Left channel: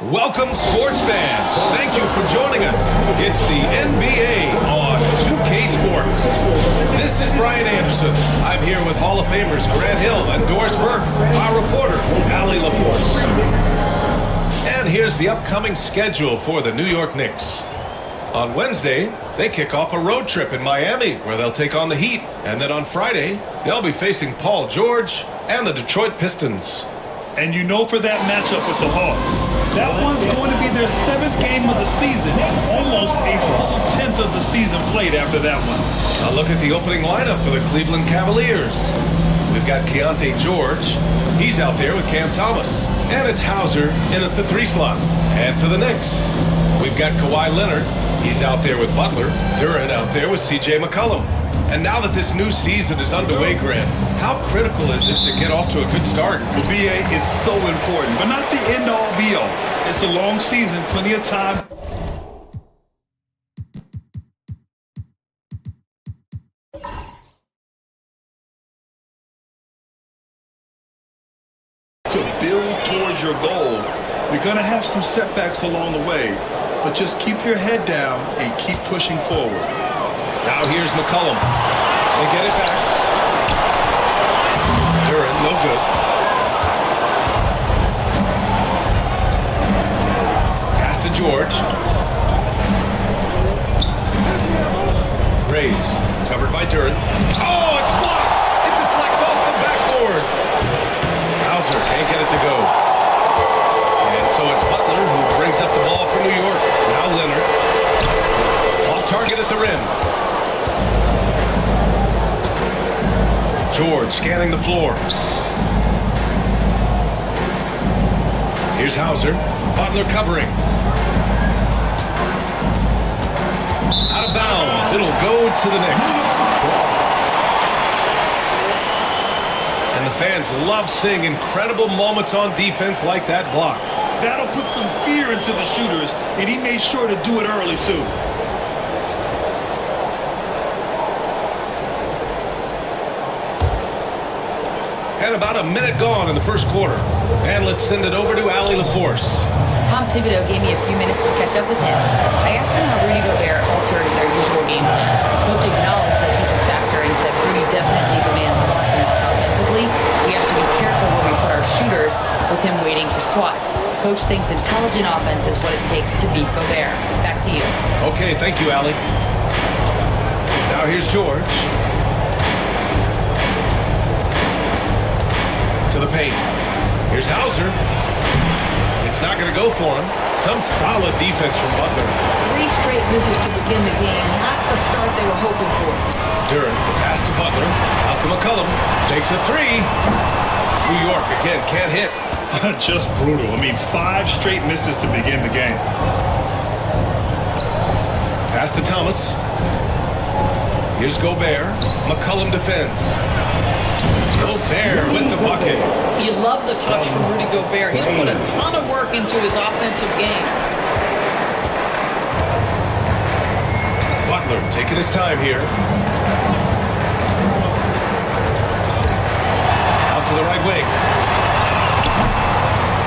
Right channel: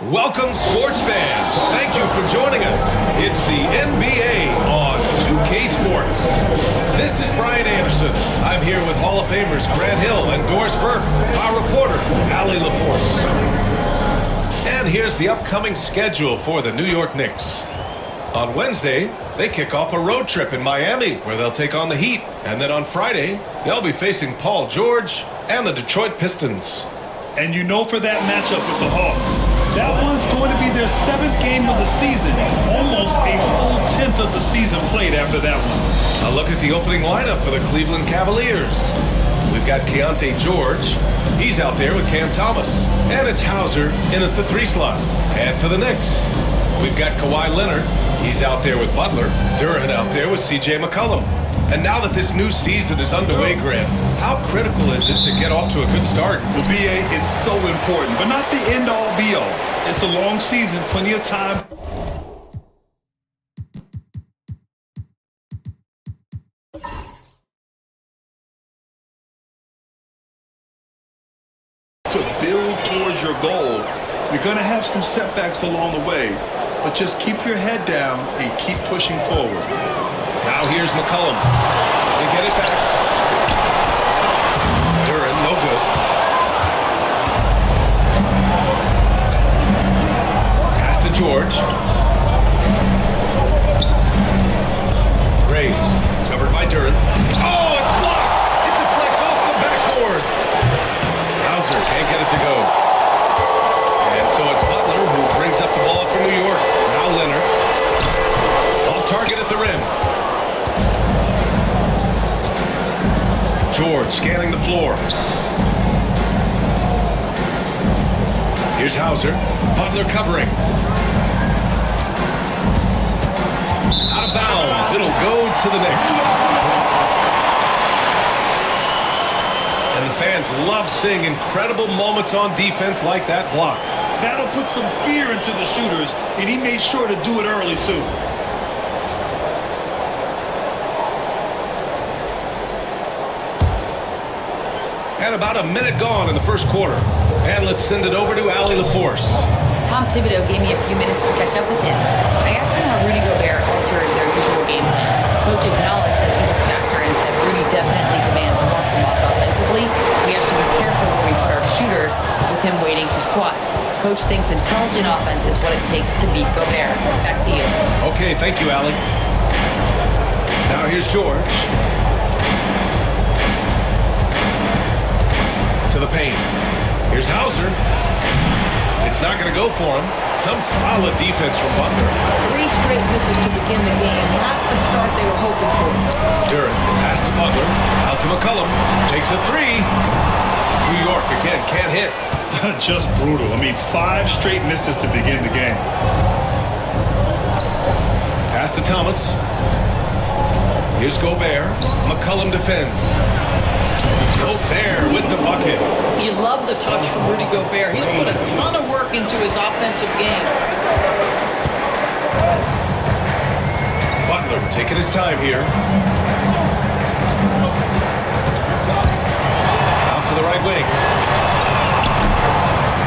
Welcome, sports fans. Thank you for joining us. It's the NBA on 2K Sports. This is Brian Anderson. I'm here with Hall of Famers Grant Hill and Doris Burke, our reporter, Allie LaForce. And here's the upcoming schedule for the New York Knicks. On Wednesday, they kick off a road trip in Miami where they'll take on the Heat. And then on Friday, they'll be facing Paul George and the Detroit Pistons. And you know for that matchup with the Hawks, that one's going to be their 7th game of the season. Almost a full 10th of the season played after that one. A look at the opening lineup for the Cleveland Cavaliers. We've got Keontae George. He's out there with Cam Thomas. And it's Hauser in at the 3 slot. And for the Knicks, we've got Kawhi Leonard. He's out there with Butler. Duren out there with C.J. McCollum. And now that this new season is underway, Grant, how critical is it to get off to a good start? Well, B.A., it's so important, but not the end-all, be-all. It's a long season, plenty of time to build towards your goal. You're going to have some setbacks along the way, but just keep your head down and keep pushing forward. Now here's McCollum. They get it back. Duren, no good. Pass to George. Graves, covered by Duren. Oh, it's blocked! It deflects off the backboard. Hauser can't get it to go. And so it's Butler who brings up the ball for New York. Now Leonard. Off target at the rim. George scanning the floor. Here's Hauser. Butler covering. Out of bounds. It'll go to the Knicks. And the fans love seeing incredible moments on defense like that block. That'll put some fear into the shooters, and he made sure to do it early, too. And about a minute gone in the first quarter. And let's send it over to Allie LaForce. Tom Thibodeau gave me a few minutes to catch up with him. I asked him how Rudy Gobert alters their usual game plan. Coach acknowledged that he's a factor and said Rudy definitely demands more from us offensively. We have to be careful where we put our shooters with him waiting for swats. Coach thinks intelligent offense is what it takes to beat Gobert. Back to you. Okay, thank you, Allie. Now here's George. To the paint. Here's Hauser. It's not going to go for him. Some solid defense from Butler. 3 straight misses to begin the game, not the start they were hoping for. Duren, the pass to Butler. Out to McCollum. Takes a 3. New York, again, can't hit. Just brutal. I mean, 5 straight misses to begin the game. Pass to Thomas. Here's Gobert. McCollum defends. Gobert with the bucket. You love the touch from Rudy Gobert. He's put a ton of work into his offensive game. Butler taking his time here. Out to the right wing.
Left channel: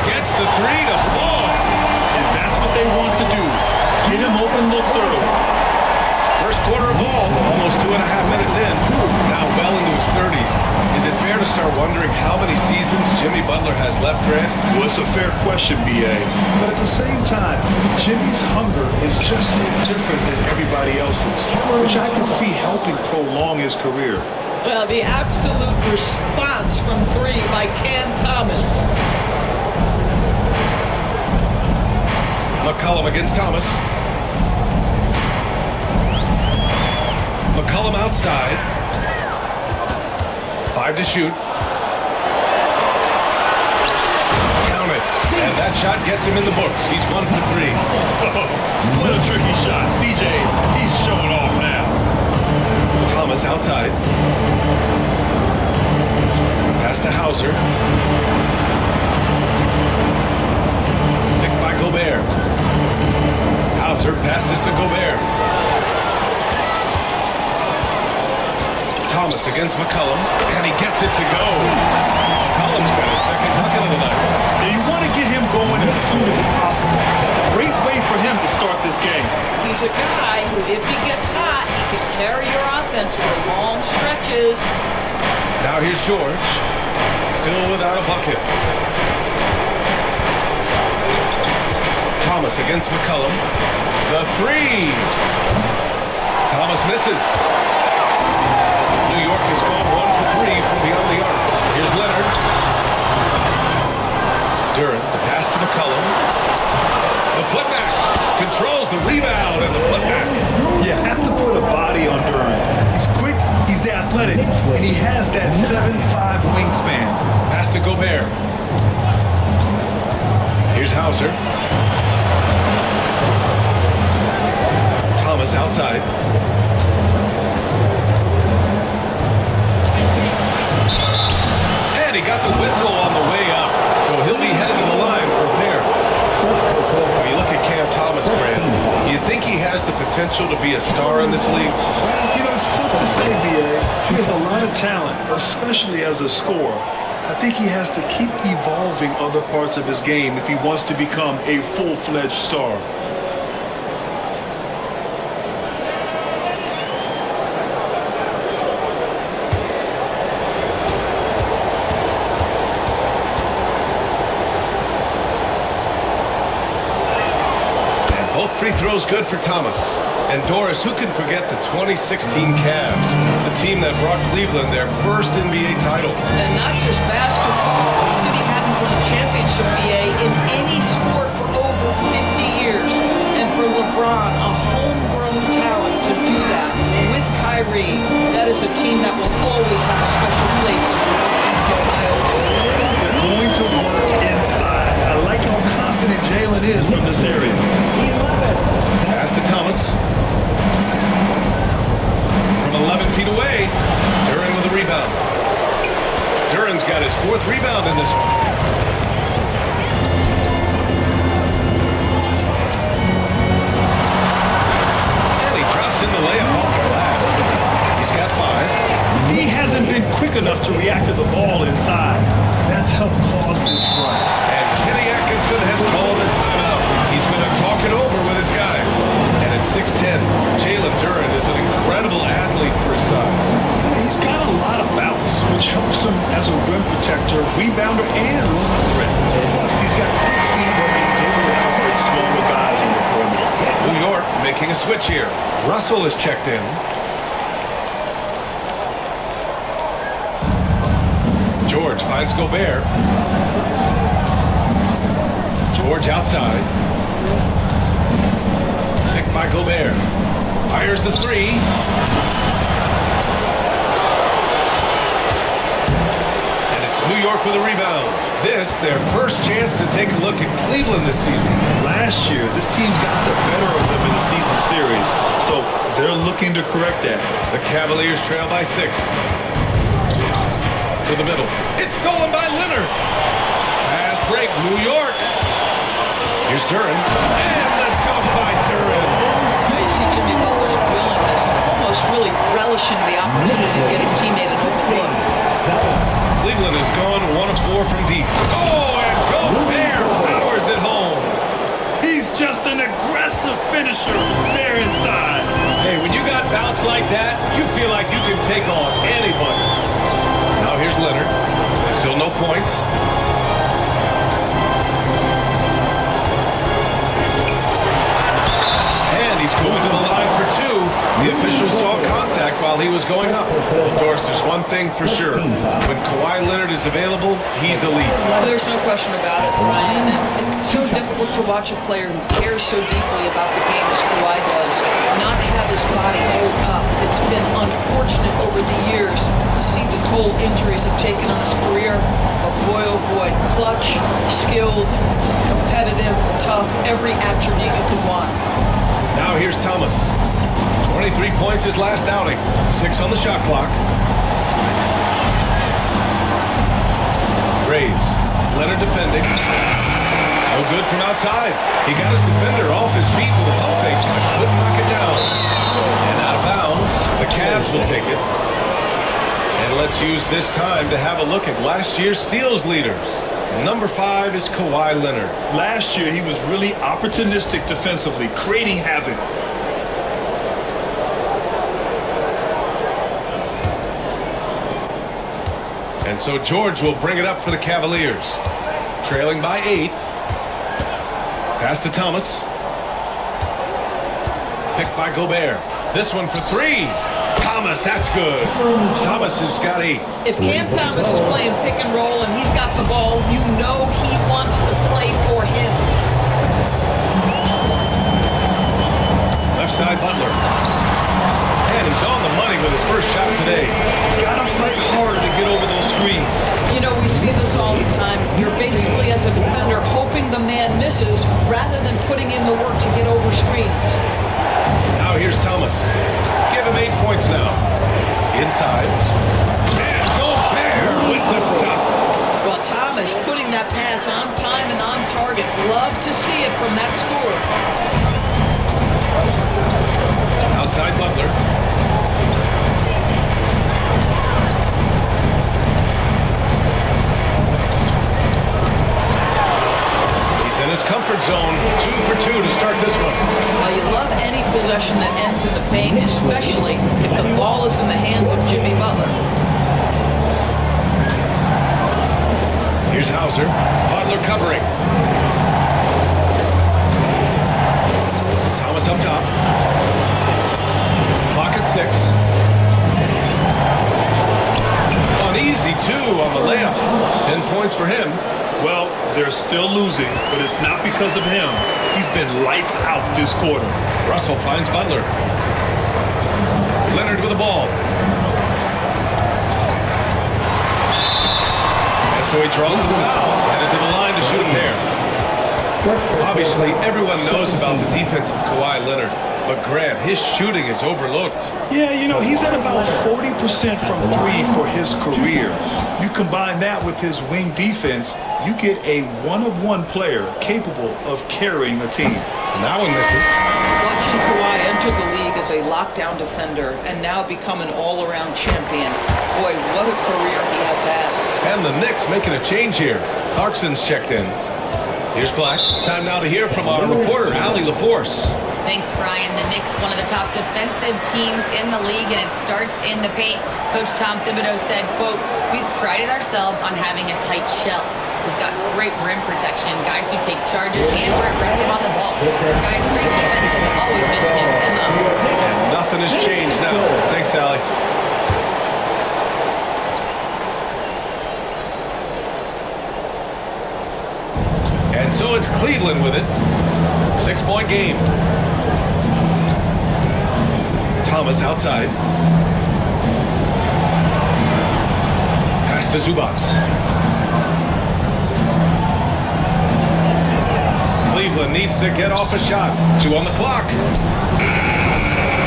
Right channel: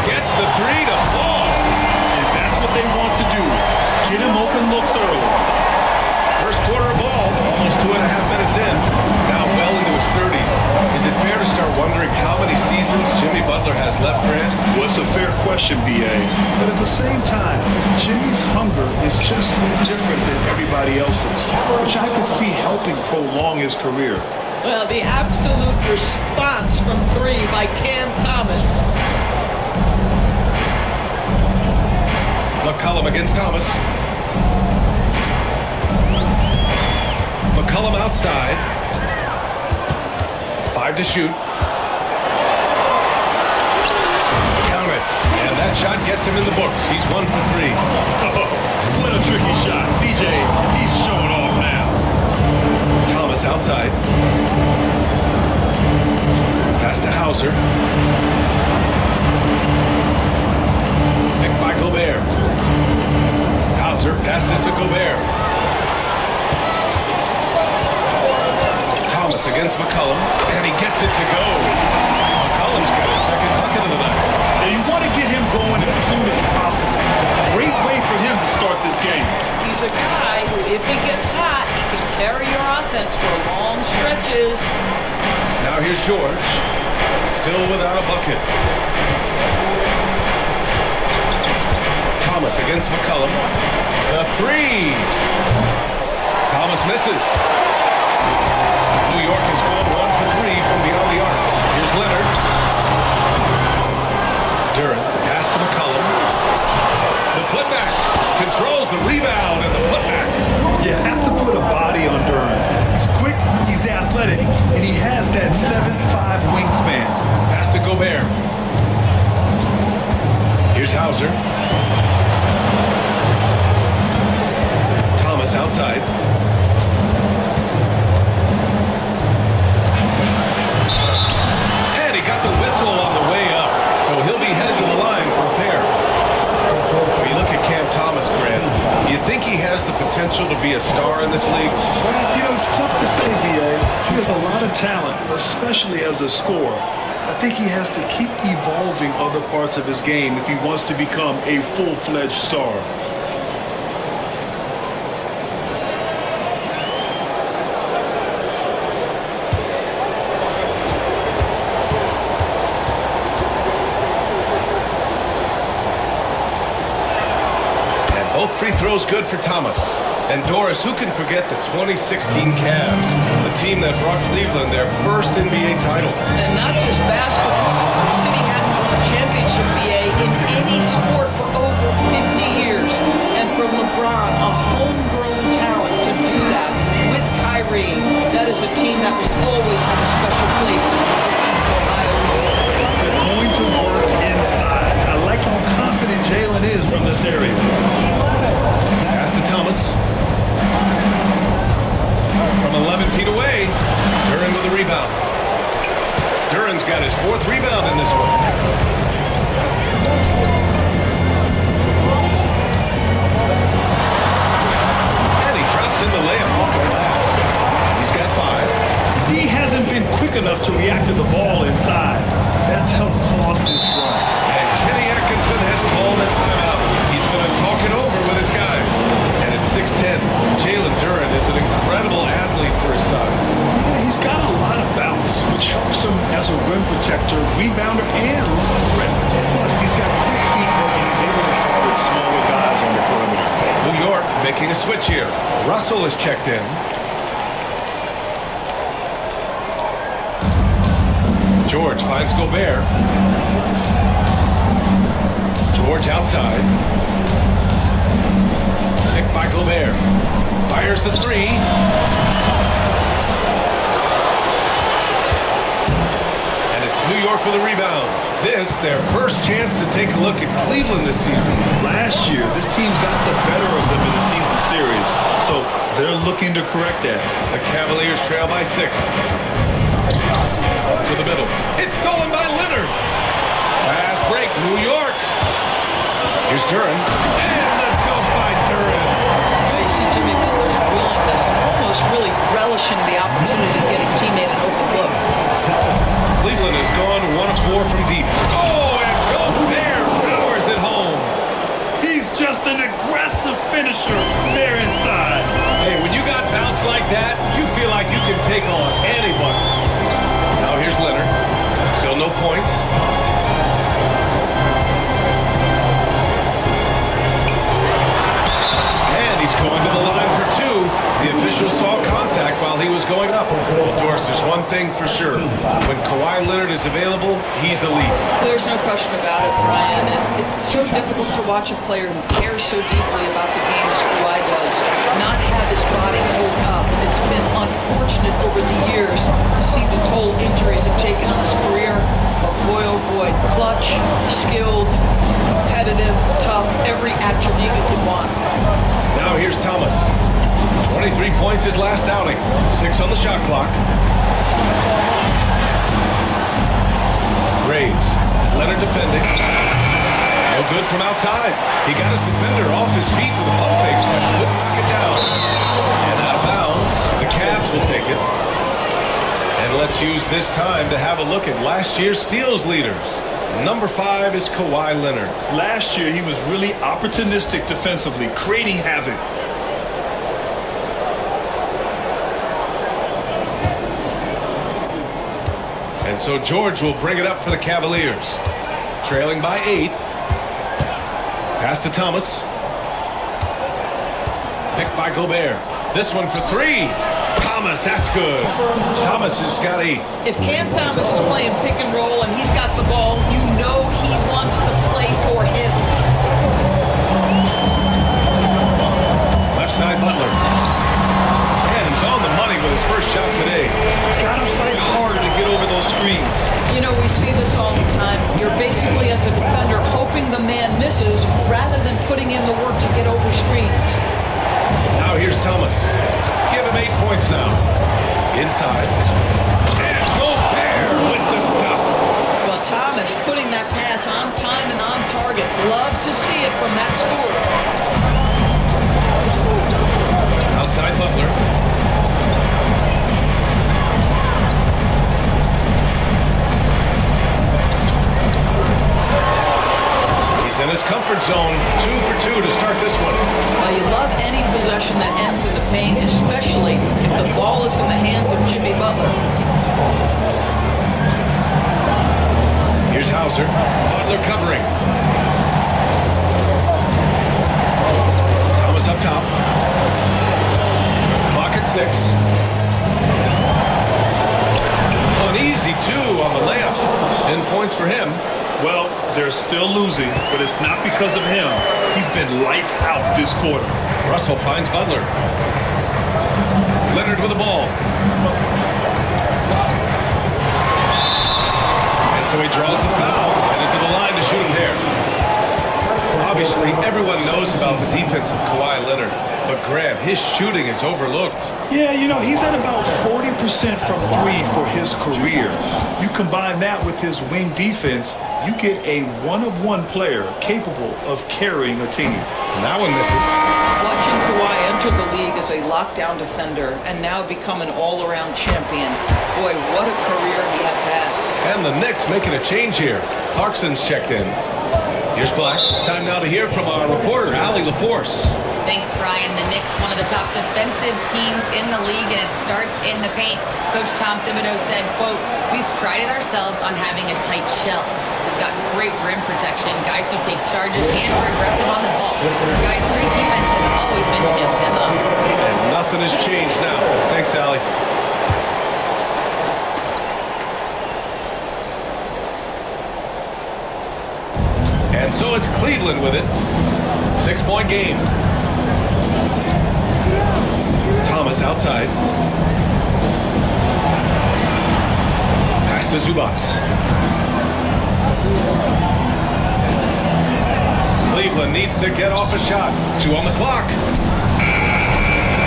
Gets the 3 to fall. And that's what they want to do. Get him open looks early. First quarter of ball, almost 2.5 minutes in. Now well into his 30s. Is it fair to start wondering how many seasons Jimmy Butler has left, Grant? Well, it's a fair question, B.A. But at the same time, Jimmy's hunger is just so different than everybody else's, which I could see helping prolong his career. Well, the absolute response from 3 by Cam Thomas. McCollum against Thomas. McCollum outside. 5 to shoot. Count it. And that shot gets him in the books. He's 1 for 3. Oh, what a tricky shot. CJ, he's showing off now. Thomas outside. Pass to Hauser. Picked by Gobert. Hauser passes to Gobert. Thomas against McCollum, and he gets it to go. McCollum's got his second bucket of the night. Now you want to get him going as soon as possible. Great way for him to start this game. He's a guy who, if he gets hot, he can carry your offense for long stretches. Now here's George, still without a bucket. Thomas against McCollum. The three. Thomas misses. New York has gone 1 for 3 from beyond the arc. Here's Leonard. Duren, the pass to McCollum. The putback. Controls the rebound and the putback. You have to put a body on Duren. He's quick, he's athletic, and he has that 7'5" wingspan. Pass to Gobert. Here's Hauser. Thomas outside. And he got the whistle on the way up, so he'll be headed to the line for a pair. When you look at Cam Thomas, Grant, you think he has the potential to be a star in this league? Well, you know, it's tough to say, B.A. He has a lot of talent, especially as a scorer. I think he has to keep evolving other parts of his game if he wants to become a full-fledged star. Both free throws good for Thomas. And Doris, who can forget the 2016 Cavs, the team that brought Cleveland their first NBA title? And not just basketball. The city hadn't won a championship, BA, in any sport for over 50 years. And for LeBron, a homegrown talent, to do that with Kyrie, that is a team that will always have a special place in Northeast Ohio. They're going to work inside. I like how confident Jalen is from this area. Pass to Thomas. From 11 feet away, Duren with a rebound. Duren's got his 4th rebound in this one. And he drops in the layup off the glass. He's got 5. D hasn't been quick enough to react to the ball inside. That's helped cause this run. And Kenny Atkinson has called a timeout. He's going to talk it over with his guys. And at 6'10", Jalen Duren is an incredible athlete for his size. Yeah, he's got a lot of bounce, which helps him as a rim protector, rebounder, and lob threat. Plus, he's got quick feet, and he's able to guard smaller guys on the perimeter. New York making a switch here. Russell is checked in. George finds Gobert. George outside. Picked by Gobert. Fires the 3. And it's New York with a rebound. This, their first chance to take a look at Cleveland this season. Last year, this team got the better of them in the season series, so they're looking to correct that. The Cavaliers trail by 6. To the middle. It's stolen by Leonard. Fast break, New York. Here's Duren. And the dunk by Duren. You see Jimmy Butler's willingness and almost really relishing the opportunity to get his teammate an open look. Cleveland has gone 1 of 4 from deep. Oh, and Gobert powers it home. He's just an aggressive finisher there inside. Hey, when you got bounce like that, you feel like you can take on anybody. Now here's Leonard. Still no points. And he's going to the line for 2. The official saw contact while he was going up. Well, Doris, there's one thing for sure. When Kawhi Leonard is available, he's elite. There's no question about it, Brian. And it's so difficult to watch a player who cares so deeply about the game as Kawhi does not have his body hold up. It's been unfortunate over the years to see the toll injuries have taken on his career. But boy, oh boy, clutch, skilled, competitive, tough, every attribute you could want. Now here's Thomas. 23 points his last outing. 6 on the shot clock. Graves. Leonard defending. No good from outside. He got his defender off his feet with a pump fake, but couldn't knock it down. And out of bounds. The Cavs will take it. And let's use this time to have a look at last year's steals leaders. Number 5 is Kawhi Leonard. Last year, he was really opportunistic defensively, creating havoc. And so George will bring it up for the Cavaliers. Trailing by 8. Pass to Thomas. Picked by Gobert. This one for 3. Thomas, that's good. Thomas has got 8. If Cam Thomas is playing pick and roll and he's got the ball, you know he wants to play for him. Left side Butler. And he's on the money with his first shot today. Gotta fight harder to get over those screens. You know, we see this all the time. You're basically, as a defender, hoping the man misses rather than putting in the work to get over screens. Now here's Thomas. Give him 8 points now. Inside. And Gobert with the stuff. Well, Thomas putting that pass on time and on target. Love to see it from that scorer. Outside Butler. He's in his comfort zone. 2 for 2 to start this one. Well, you love any possession that ends in the paint, especially if the ball is in the hands of Jimmy Butler. Here's Hauser. Butler covering. Thomas up top. Clock at 6. An easy 2 on the layup. 10 points for him. Well, they're still losing, but it's not because of him. He's been lights out this quarter. Russell finds Butler. Leonard with the ball. And so he draws the foul, headed to the line to shoot a pair. Obviously, everyone knows about the defense of Kawhi Leonard, but Grant, his shooting is overlooked. Yeah, you know, he's at about 40% from 3 for his career. You combine that with his wing defense, you get a one-of-one player capable of carrying a team. And that one misses. Watching Kawhi enter the league as a lockdown defender and now become an all-around champion. Boy, what a career he has had. And the Knicks making a change here. Clarkson's checked in. Here's Black. Time now to hear from our reporter, Allie LaForce. Thanks, Brian. The Knicks, one of the top defensive teams in the league, and it starts in the paint. Coach Tom Thibodeau said, quote, "We've prided ourselves on having a tight shell. We've got great rim protection, guys who take charges, and we're aggressive on the ball. Guys, great defense has always been Tibbs' MO." And nothing has changed now. Thanks, Allie. And so it's Cleveland with it. 6-point game. Thomas outside. Pass to Zubac. Cleveland needs to get off a shot. 2 on the clock.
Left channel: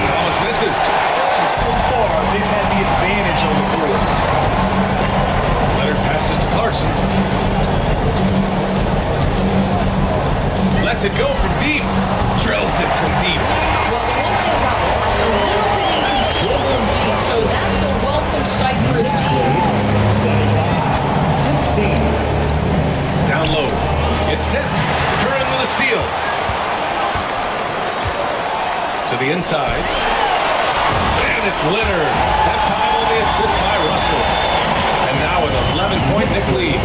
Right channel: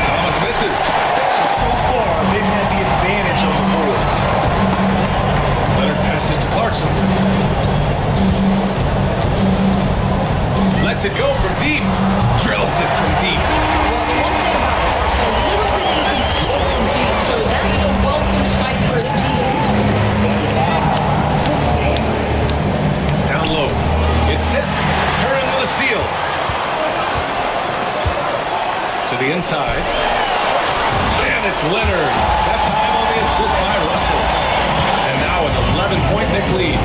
Thomas misses. And so far, they've had the advantage on the boards. Leonard passes to Clarkson. Lets it go from deep. Drills it from deep. Well, the one thing about Clarkson, a little bit inconsistent from deep, so that's a welcome sight for his team. Down low. It's tipped. Curran with a steal. To the inside. And it's Leonard. That time on the assist by Russell. And now an 11-point Knick lead.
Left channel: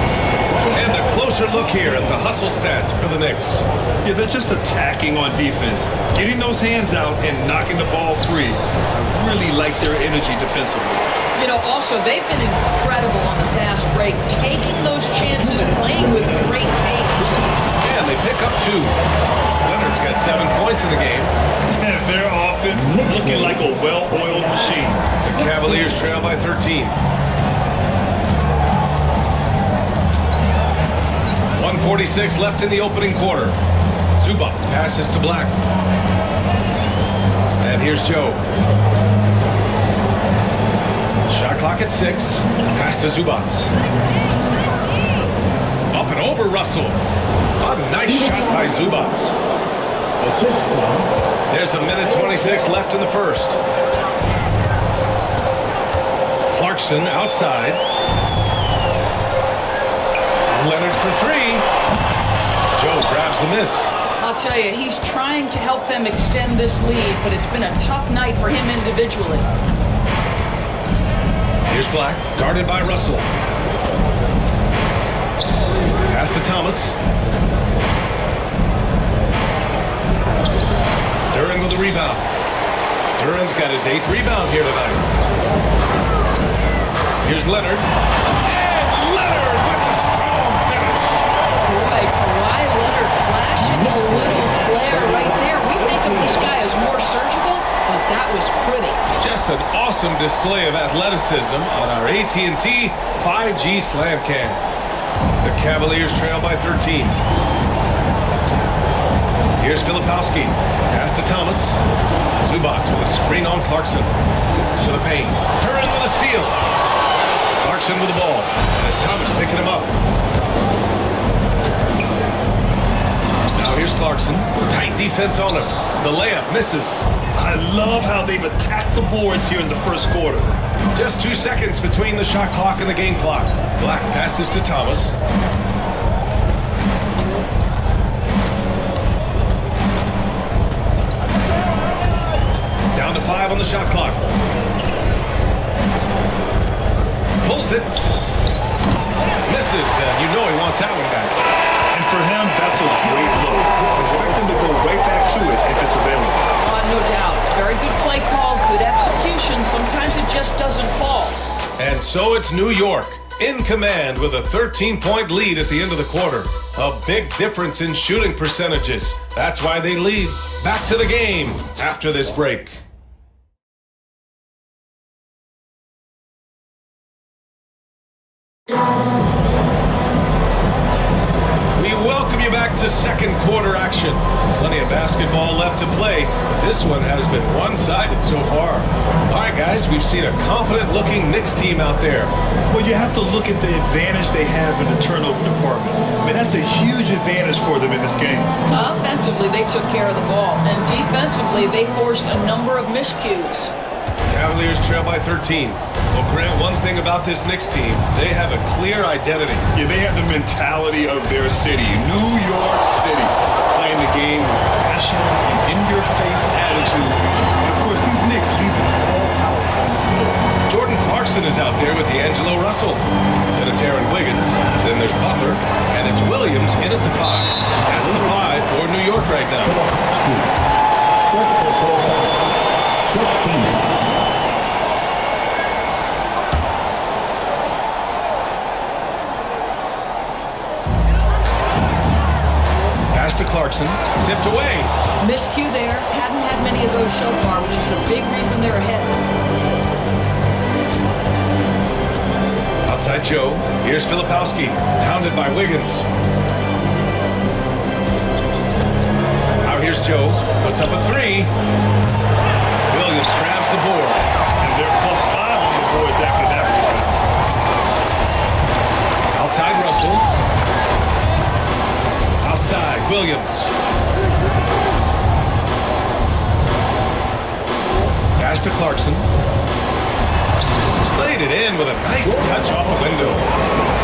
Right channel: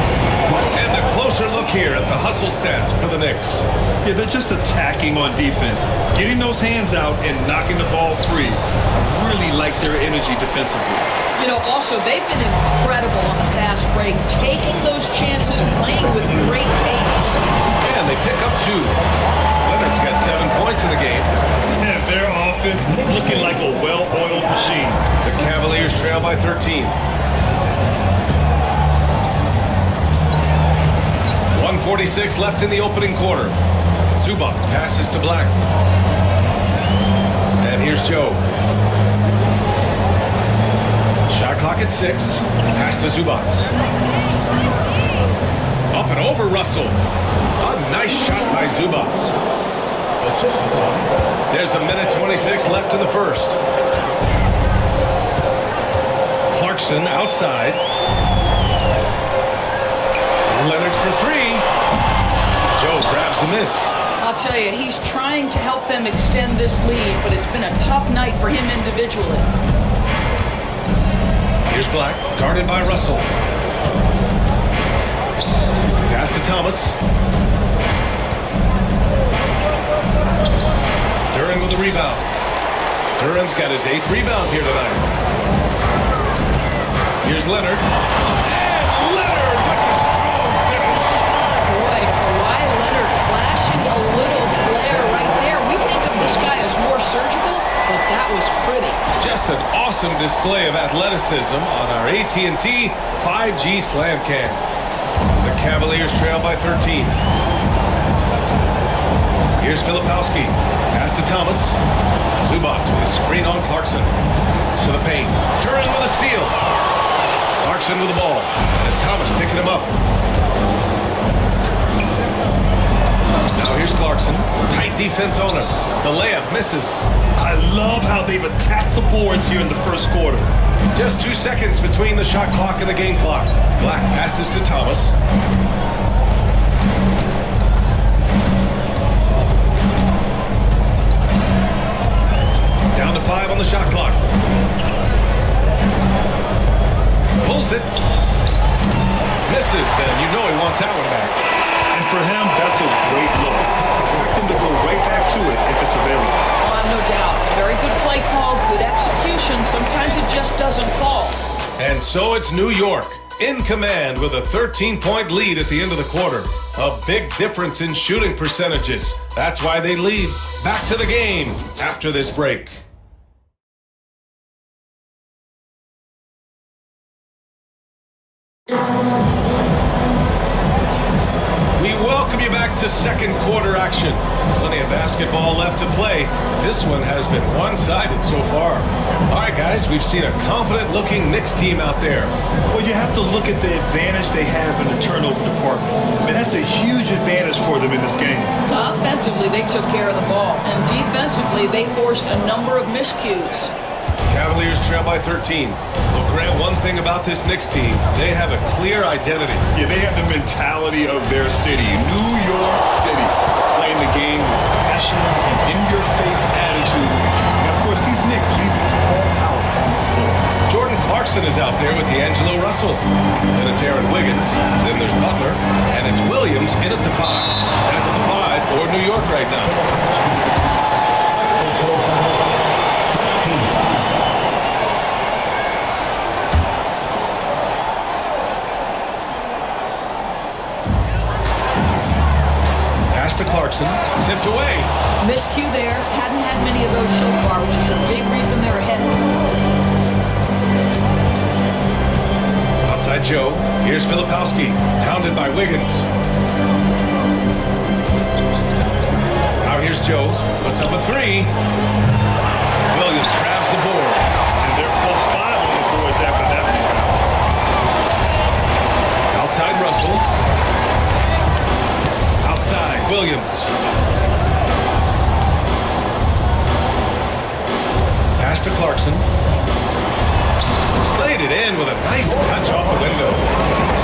And a closer look here at the hustle stats for the Knicks. Yeah, they're just attacking on defense, getting those hands out and knocking the ball free. I really like their energy defensively. You know, also, they've been incredible on the fast break, taking those chances, playing with great pace. And they pick up 2. Leonard's got 7 points in the game. Yeah, their offense looking like a well-oiled machine. The Cavaliers trail by 13. 1:46 left in the opening quarter. Zubac passes to Black. And here's Joe. Shot clock at 6. Pass to Zubac. Up and over Russell. A nice shot by Zubac. There's a minute 26 left in the first. Clarkson outside. Leonard for three. Joe grabs the miss. I'll tell you, he's trying to help them extend this lead, but it's been a tough night for him individually. Here's Black, guarded by Russell. Pass to Thomas. Duran with a rebound. Duran's got his 8th rebound here tonight. Here's Leonard. And Leonard with the strong finish. Boy, Kawhi Leonard flashing a little flare right there. We think of this guy as more surgical, but that was pretty. Just an awesome display of athleticism on our AT&T 5G Slam Cam. The Cavaliers trail by 13. Here's Filipowski. Pass to Thomas. Zubac with a screen on Clarkson. To the paint. Duran with a steal. Clarkson with the ball. And it's Thomas picking him up. Now here's Clarkson. Tight defense on him. The layup misses. I love how they've attacked the boards here in the first quarter. Just 2 seconds between the shot clock and the game clock. Black passes to Thomas. Down to 5 on the shot clock. Pulls it. Misses, and you know he wants that one back. And for him, that's a great look. Expect him to go right back to it if it's available. No doubt. Very good play call, good execution. Sometimes it just doesn't fall. And so it's New York in command with a 13-point lead at the end of the quarter. A big difference in shooting percentages. That's why they lead. Back to the game after this break. We welcome you back to second quarter action. Plenty of basketball left to play, but this one has been one-sided so far. All right, guys, we've seen a confident-looking Knicks team out there. Well, you have to look at the advantage they have in the turnover department. I mean, that's a huge advantage for them in this game. Offensively, they took care of the ball, and defensively, they forced a number of miscues. Cavaliers trail by 13. Well, Grant, one thing about this Knicks team, they have a clear identity. Yeah, they have the mentality of their city, New York City, playing the game with passion and in-your-face attitude. And, of course, these Knicks leave it all out on the floor. Jordan Clarkson is out there with D'Angelo Russell. Then it's Aaron Wiggins. Then there's Butler. And it's Williams in at the 5. That's the 5 for New York right now. Pass to Clarkson, tipped away. Miscue there. Hadn't had many of those so far, which is a big reason they're ahead. Outside Joe. Here's Filipowski, hounded by Wiggins. Now here's Joe, puts up a 3. Williams grabs the board. And they're +5 on the boards after that rebound. Outside Russell. Outside, Williams. Pass to Clarkson. Played it in with a nice touch off the window.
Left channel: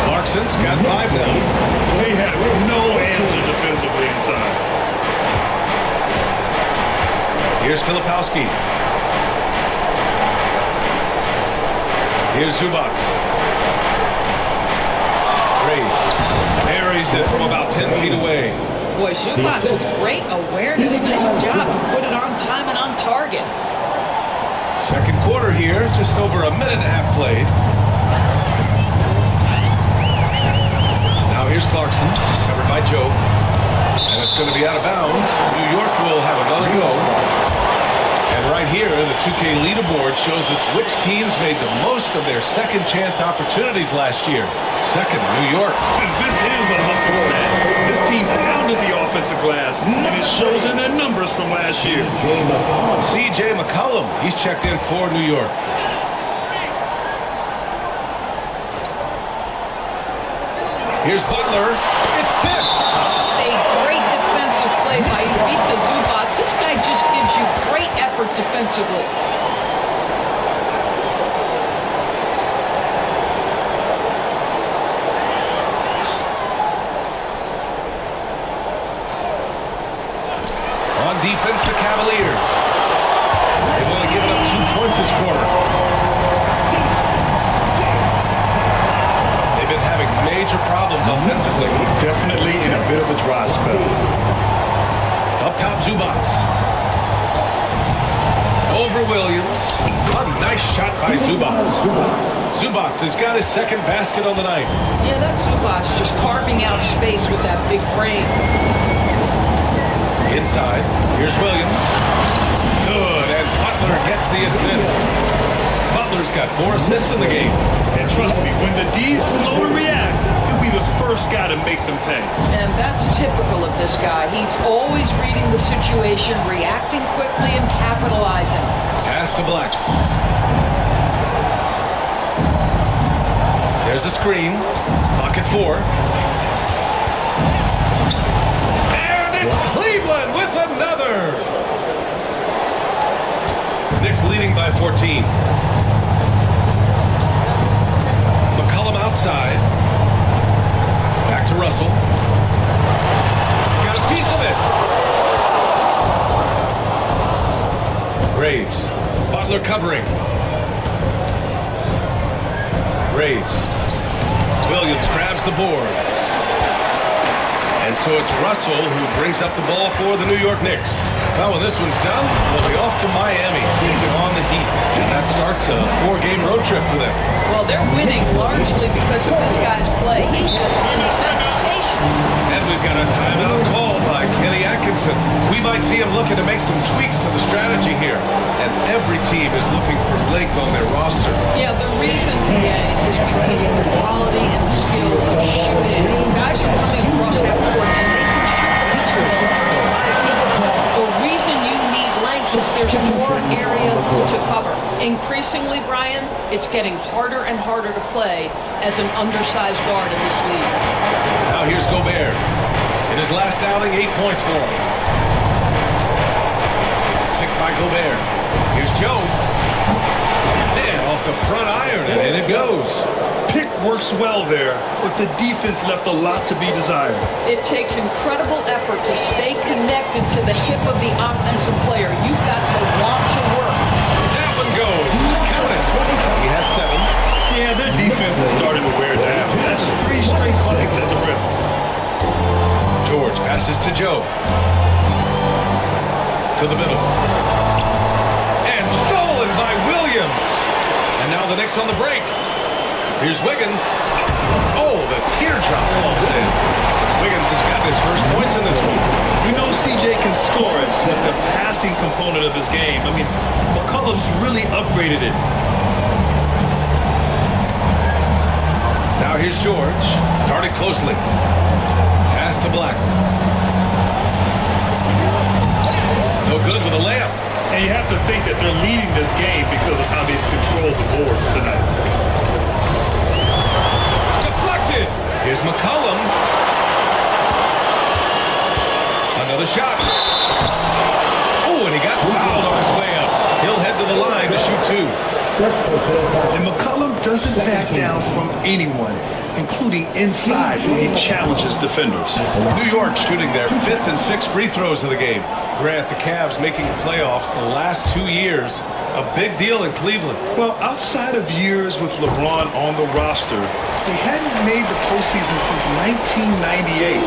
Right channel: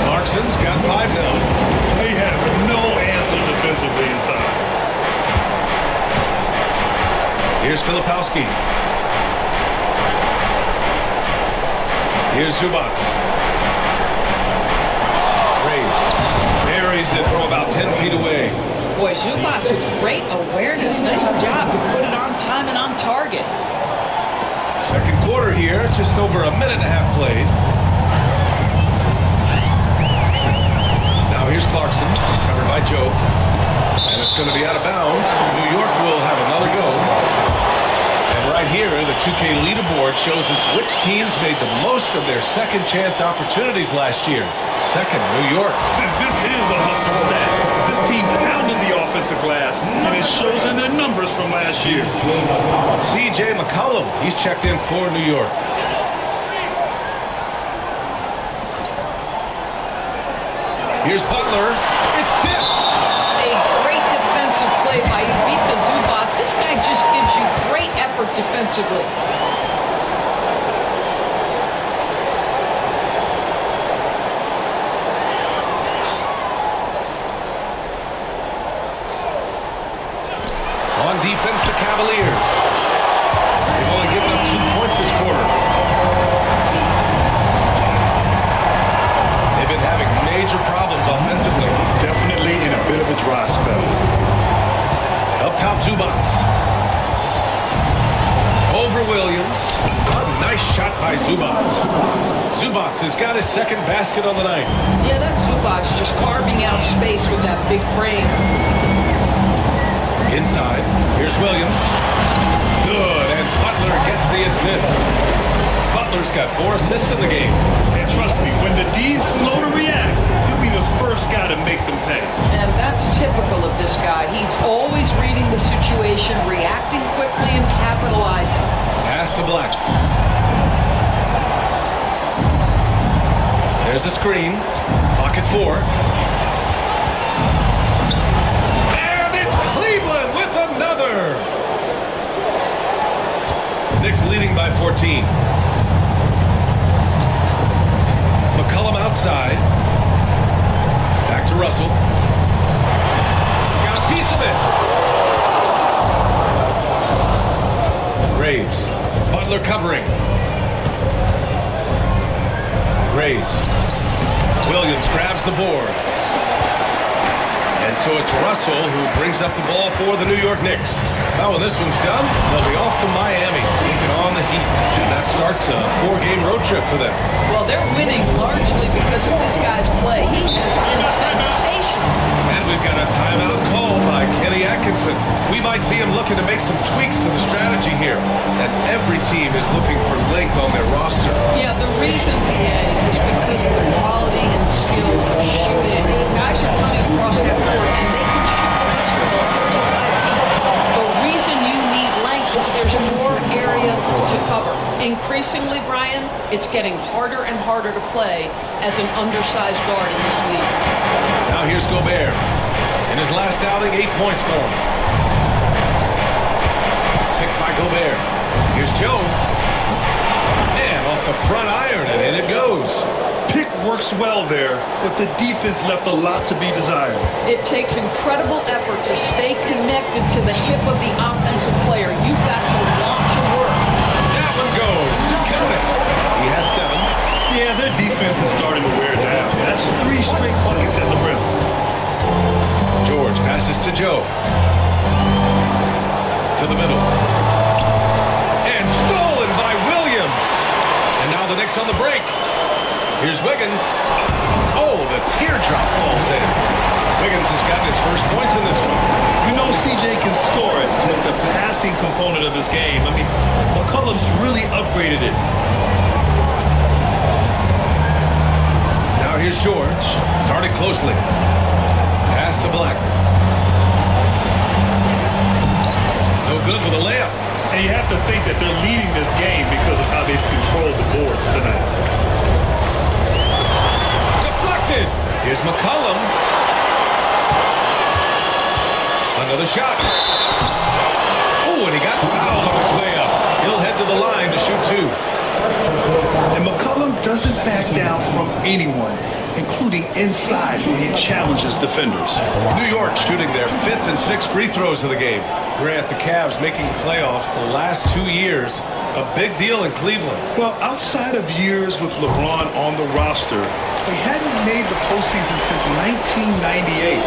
Clarkson's got 5 now. They have no answer defensively inside. Here's Filipowski. Here's Zubac. Graves buries it from about 10 feet away. Boy, Zubac with great awareness. Nice job to put it on time and on target. Second quarter here, just over a minute and a half played. Now here's Clarkson, covered by Joe. And it's going to be out of bounds. New York will have another go. And right here, the 2K leaderboard shows us which teams made the most of their second chance opportunities last year. Second, New York. This is a hustle stat. This team pounded the offensive glass, and it shows in their numbers from last year. C.J. McCollum, he's checked in for New York. Here's Butler. It's tipped. A great defensive play by Ivica Zubac. This guy just gives you great effort defensively. On defense, the Cavaliers. They've only given up 2 points this quarter. They've been having major problems offensively. Definitely in a bit of a dry spell. Up top, Zubats. Over Williams. A nice shot by Zubats. Zubats has got his second basket on the night. Yeah, that's Zubac just carving out space with that big frame. Inside, here's Williams. Good, and Butler gets the assist. Butler's got 4 assists in the game. And trust me, when the D's slow to react, he'll be the first guy to make them pay. And that's typical of this guy. He's always reading the situation, reacting quickly, and capitalizing. Pass to Black. There's a screen. Clock at 4. And it's Cleveland with another. Knicks leading by 14. McCollum outside. Back to Russell. Got a piece of it. Graves. Butler covering. Graves. Williams grabs the board. And so it's Russell who brings up the ball for the New York Knicks. Well, when this one's done, they'll be off to Miami, taking on the Heat. And that starts a 4-game road trip for them. Well, they're winning largely because of this guy's play. He has been sensational. And we've got a timeout called by Kenny Atkinson. We might see him looking to make some tweaks to the strategy here. And every team is looking for length on their roster. Yeah, the reason, PA, is because of the quality and skill of shooting. Guys are coming across half court, and they can shoot the basketball at 35 feet. The reason you need length is there's more area to cover. Increasingly, Brian, it's getting harder and harder to play as an undersized guard in this league. Now here's Gobert. In his last outing, 8 points for him. Picked by Gobert. Here's Joe. And off the front iron, and in it goes. Pick works well there, but the defense left a lot to be desired. It takes incredible effort to stay connected to the hip of the offensive player. You've got to want to work. That one goes. Count it. He has 7. Yeah, their defense is starting to wear down. That's 3 straight buckets at the rim. George passes to Joe. To the middle. And stolen by Williams. And now the Knicks on the break. Here's Wiggins. Oh, the teardrop falls in. Wiggins has gotten his first points in this one. We know CJ can score it, but the passing component of his game, I mean, McCollum's really upgraded it. Now here's George. Guarded closely. Pass to Black. No good with a layup. And you have to think that they're leading this game because of how they've controlled the boards tonight. Deflected. Here's McCollum. Another shot. Oh, and he got fouled on his way up. He'll head to the line to shoot 2. And McCollum doesn't back down from anyone, including inside when he challenges defenders. New York shooting their 5th and 6th free throws of the game. Grant, the Cavs making the playoffs the last 2 years. A big deal in Cleveland. Well, outside of years with LeBron on the roster, they hadn't made the postseason since 1998.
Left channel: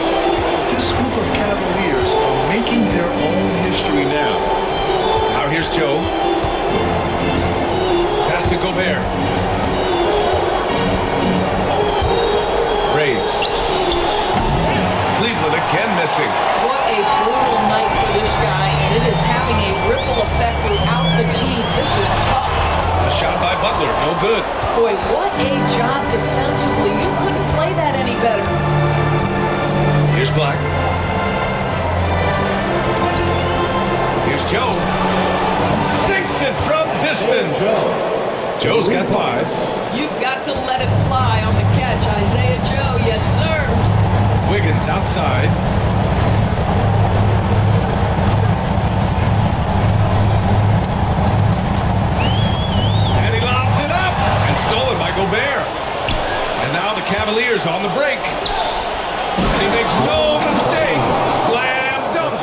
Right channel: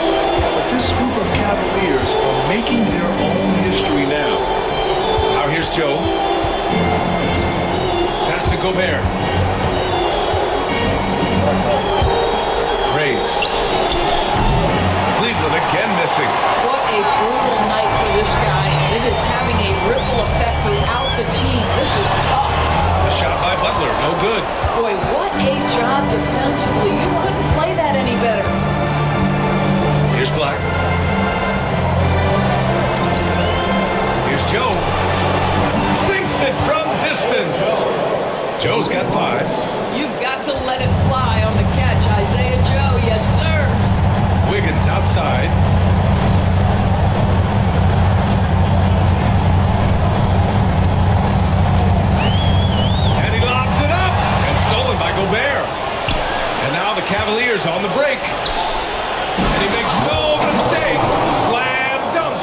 But this group of Cavaliers are making their own history now. Now here's Joe. Pass to Gobert. Graves. Cleveland again missing. What a brutal night for this guy, and it is having a ripple effect throughout the team. This is tough. The shot by Butler, no good. Boy, what a job defensively. You couldn't play that any better. Here's Black. Here's Joe. Sinks it from distance. Joe's got 5. You've got to let it fly on the catch, Isaiah Joe. Yes, sir. Wiggins outside. And he lobs it up. And stolen by Gobert. And now the Cavaliers on the break. And he makes no mistake. Slam dunk.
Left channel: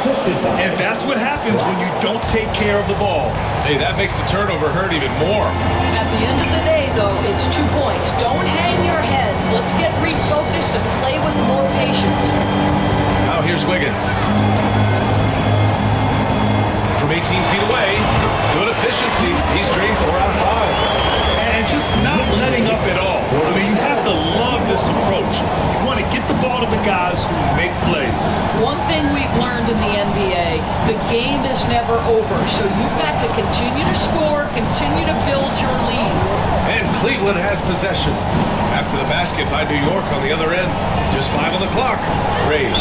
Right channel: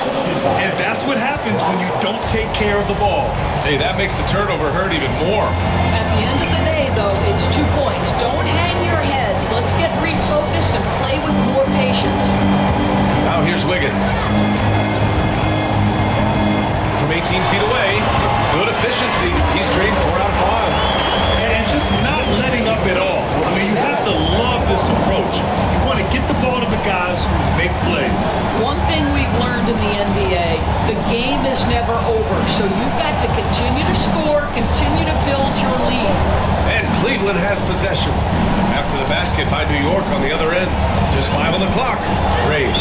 And that's what happens when you don't take care of the ball. Hey, that makes the turnover hurt even more. At the end of the day, though, it's 2 points. Don't hang your heads. Let's get refocused and play with more patience. Now here's Wiggins. From 18 feet away, good efficiency. He's drained 4 out of 5. And just not letting up at all. I mean, you have to love this approach. You want to get the ball to the guys who make plays. One thing we've learned in the NBA, the game is never over. So you've got to continue to score, continue to build your lead. And Cleveland has possession. After the basket by New York on the other end. Just 5 on the clock. Graves.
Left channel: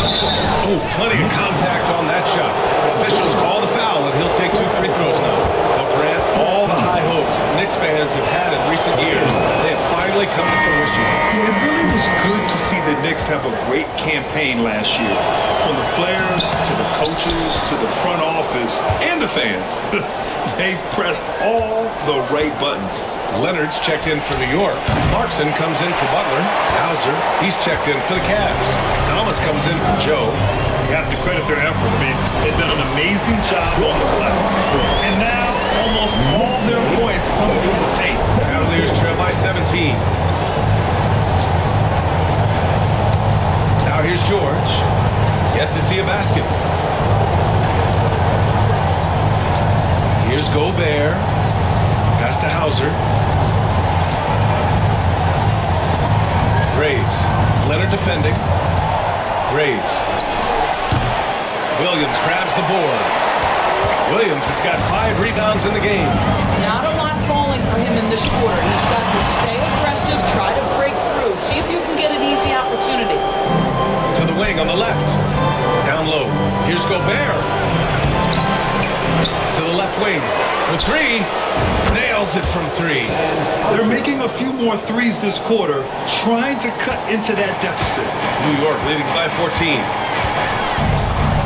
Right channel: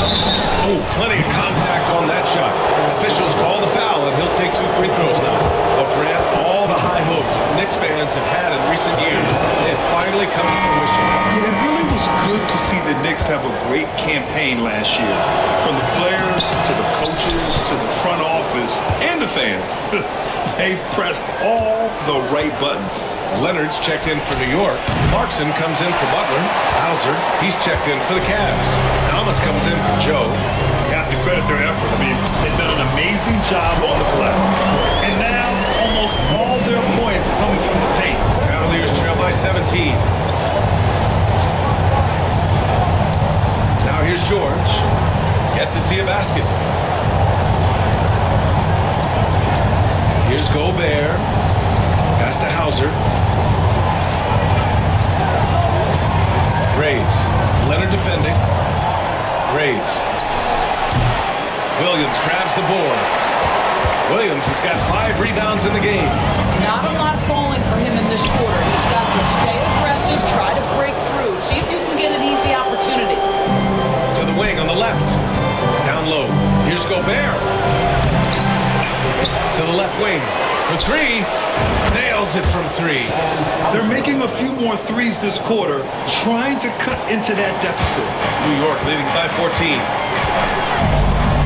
Oh, plenty of contact on that shot. Officials call the foul, and he'll take 2 free throws now. Well, Grant, all the high hopes Knicks fans have had in recent years, they have finally come to fruition. Yeah, it really was good to see the Knicks have a great campaign last year. From the players to the coaches to the front office and the fans. They've pressed all the right buttons. Leonard's checked in for New York. Clarkson comes in for Butler. Hauser, he's checked in for the Cavs. Thomas comes in for Joe. You have to credit their effort. I mean, they've done an amazing job on the glass. And now, almost all their points coming from the paint. Cavaliers trail by 17. Now here's George. Yet to see a basket. Here's Gobert. Pass to Hauser. Graves. Leonard defending. Graves. Williams grabs the board. Williams has got 5 rebounds in the game. Not a lot falling for him in this quarter. He's got to stay aggressive, try to break through. See if you can get an easy opportunity. To the wing on the left. Down low. Here's Gobert. To the left wing. For 3. Nails it from 3. They're making a few more threes this quarter, trying to cut into that deficit. New York leading by 14.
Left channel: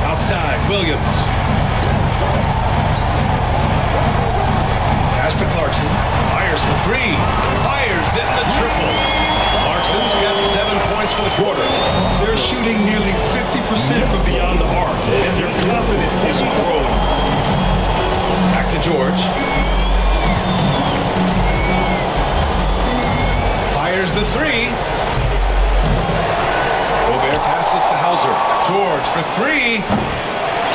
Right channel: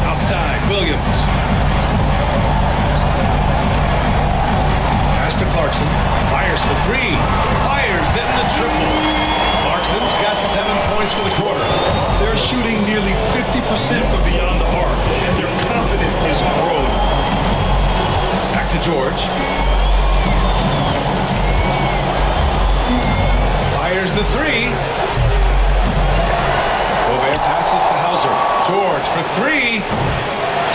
Outside, Williams. Pass to Clarkson. Fires for 3. Fires, hitting the triple. Clarkson's got 7 points for the quarter. They're shooting nearly 50% from beyond the arc, and their confidence is growing. Back to George. Fires the 3. Gobert passes to Hauser. George for 3.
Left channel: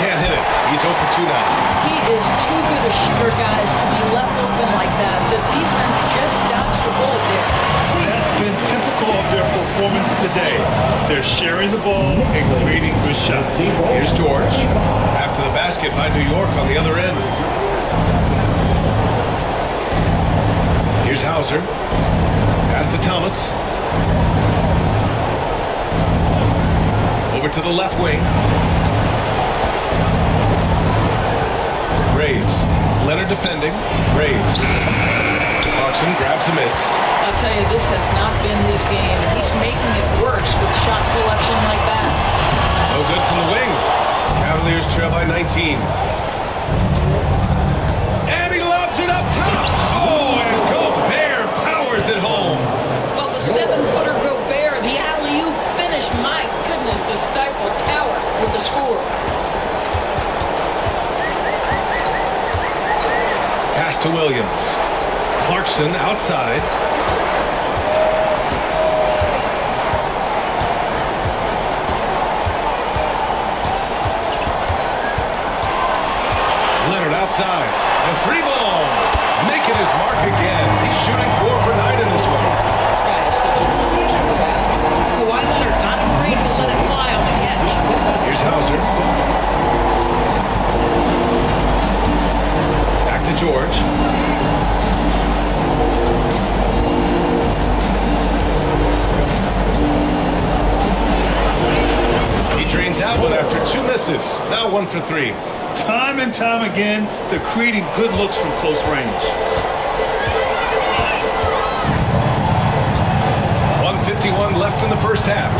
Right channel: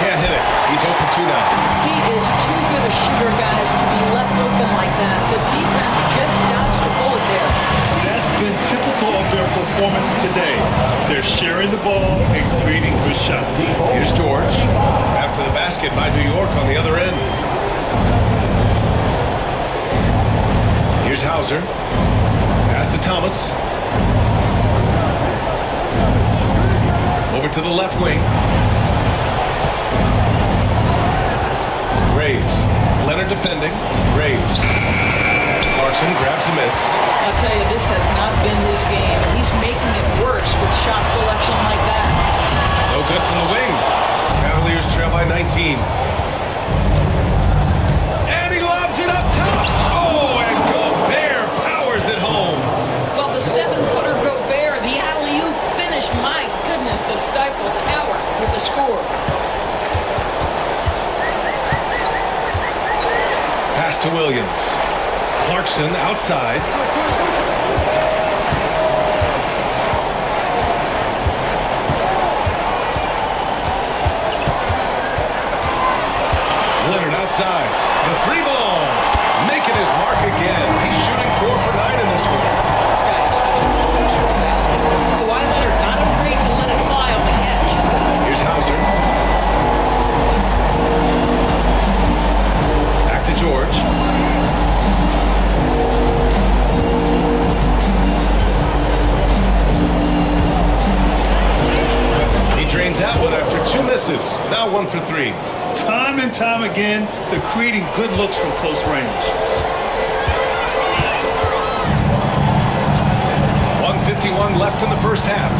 Can't hit it. He's 0 for 2 now. He is too good a shooter, guys, to be left open like that. The defense just dodged a bullet there. That's been typical of their performance today. They're sharing the ball and creating good shots. Here's George. After the basket by New York on the other end. Here's Hauser. Pass to Thomas. Over to the left wing. Graves. Leonard defending. Graves. Clarkson grabs a miss. I'll tell you, this has not been his game, and he's making it worse with shot selection like that. No good from the wing. Cavaliers trail by 19. And he lobs it up top. Oh, and Gobert powers it home. Well, the 7-footer Gobert, the alley-oop finish, my goodness, the Stifle Tower with the score. Pass to Williams. Clarkson outside. Leonard outside. The 3 ball. Making his mark again. He's shooting 4 for 9 in this one. This guy has such a nose for the basket. Kawhi Leonard not afraid to let it fly on the catch. Here's Hauser. Back to George. He drains out one after 2 misses. Now 1 for 3. Time and time again, they're creating good looks from close range. 1:51 left in the first half.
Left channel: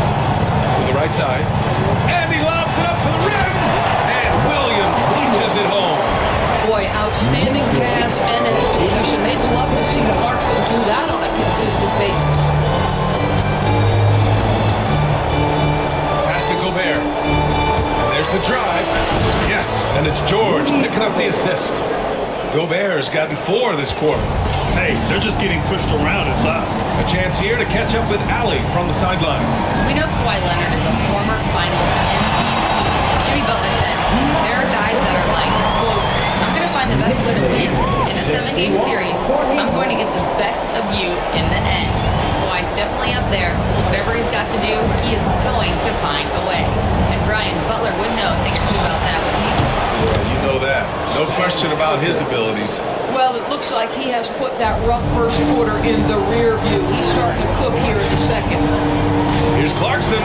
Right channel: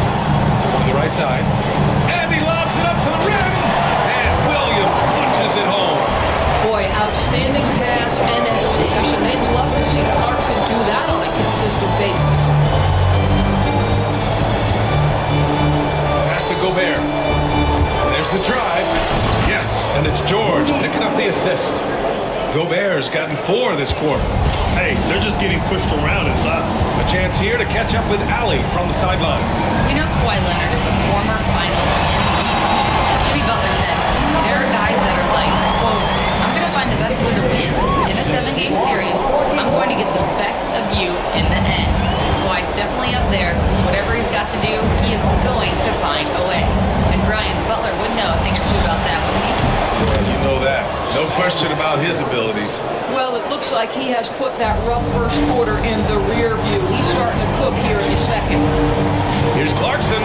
To the right side. And he lobs it up to the rim. And Williams punches it home. Boy, outstanding pass and execution. They'd love to see Clarkson do that on a consistent basis. Pass to Gobert. And there's the drive. Yes, and it's George picking up the assist. Gobert's gotten 4 this quarter. Hey, they're just getting pushed around inside. A chance here to catch up with Allie from the sideline. We know Kawhi Leonard is a former Finals MVP. Jimmy Butler said, there are guys that are like, quote, I'm going to find the best way to win. In a 7-game series, I'm going to get the best of you in the end. Kawhi's definitely up there. Whatever he's got to do, he is going to find a way. And Brian, Butler would know a thing or two about that, wouldn't he? Yeah, you know that. No question about his abilities. Well, it looks like he has put that rough first quarter in the rear view. He's starting to cook here in the second. Here's Clarkson.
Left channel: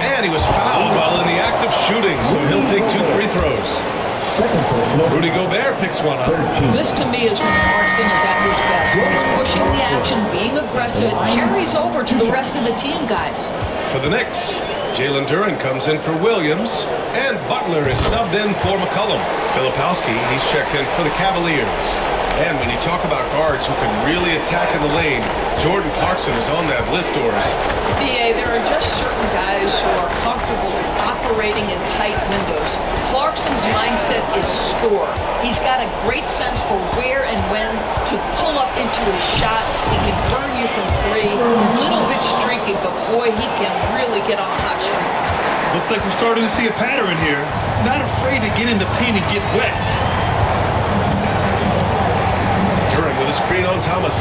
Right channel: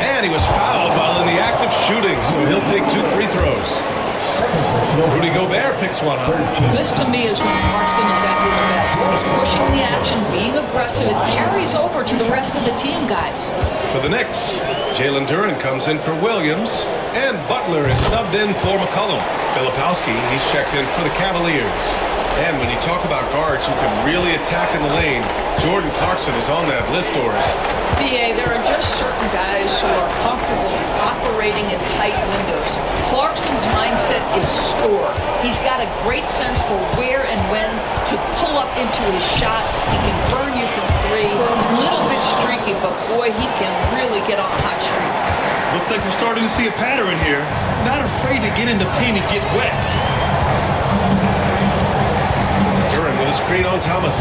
And he was fouled while in the act of shooting, so he'll take 2 free throws. Rudy Gobert picks one up. This to me is when Clarkson is at his best. When he's pushing the action, being aggressive, it carries over to the rest of the team, guys. For the Knicks, Jalen Duren comes in for Williams, and Butler is subbed in for McCollum. Filipowski, he's checked in for the Cavaliers. And when you talk about guards who can really attack in the lane, Jordan Clarkson is on that list, Doris. BA, there are just certain guys who are comfortable operating in tight windows. Clarkson's mindset is score. He's got a great sense for where and when to pull up into his shot. He can burn you from 3. Little bit streaky, but boy, he can really get on a hot streak. Looks like we're starting to see a pattern here. Not afraid to get in the paint and get wet. Duren with a screen on Thomas.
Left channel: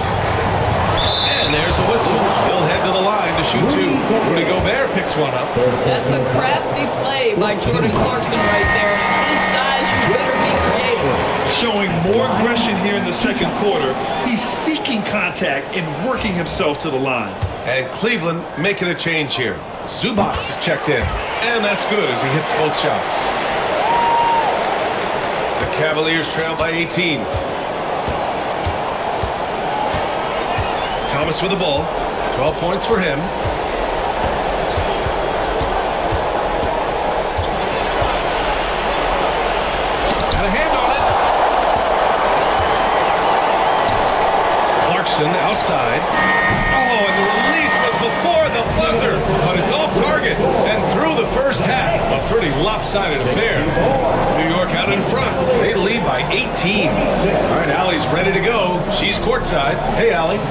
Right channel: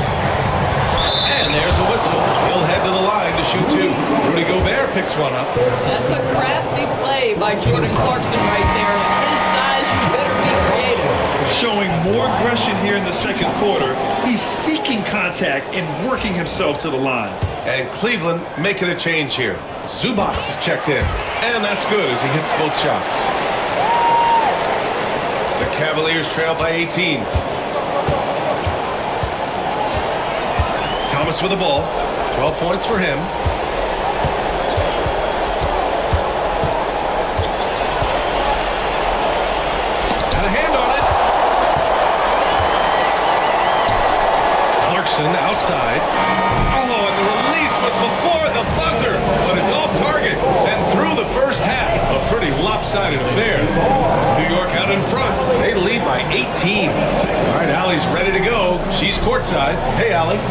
And there's a whistle. He'll head to the line to shoot 2. Rudy Gobert picks one up. That's a crafty play by Jordan Clarkson right there. His size, you better be creative. Showing more aggression here in the second quarter. He's seeking contact and working himself to the line. And Cleveland making a change here. Zubac is checked in. And that's good as he hits both shots. The Cavaliers trail by 18. Thomas with the ball. 12 points for him. Got a hand on it. Clarkson outside. Oh, and the release was before the buzzer, but it's off target and through the first half. A pretty lopsided affair. New York out in front. They lead by 18. All right, Allie's ready to go. She's courtside. Hey, Allie.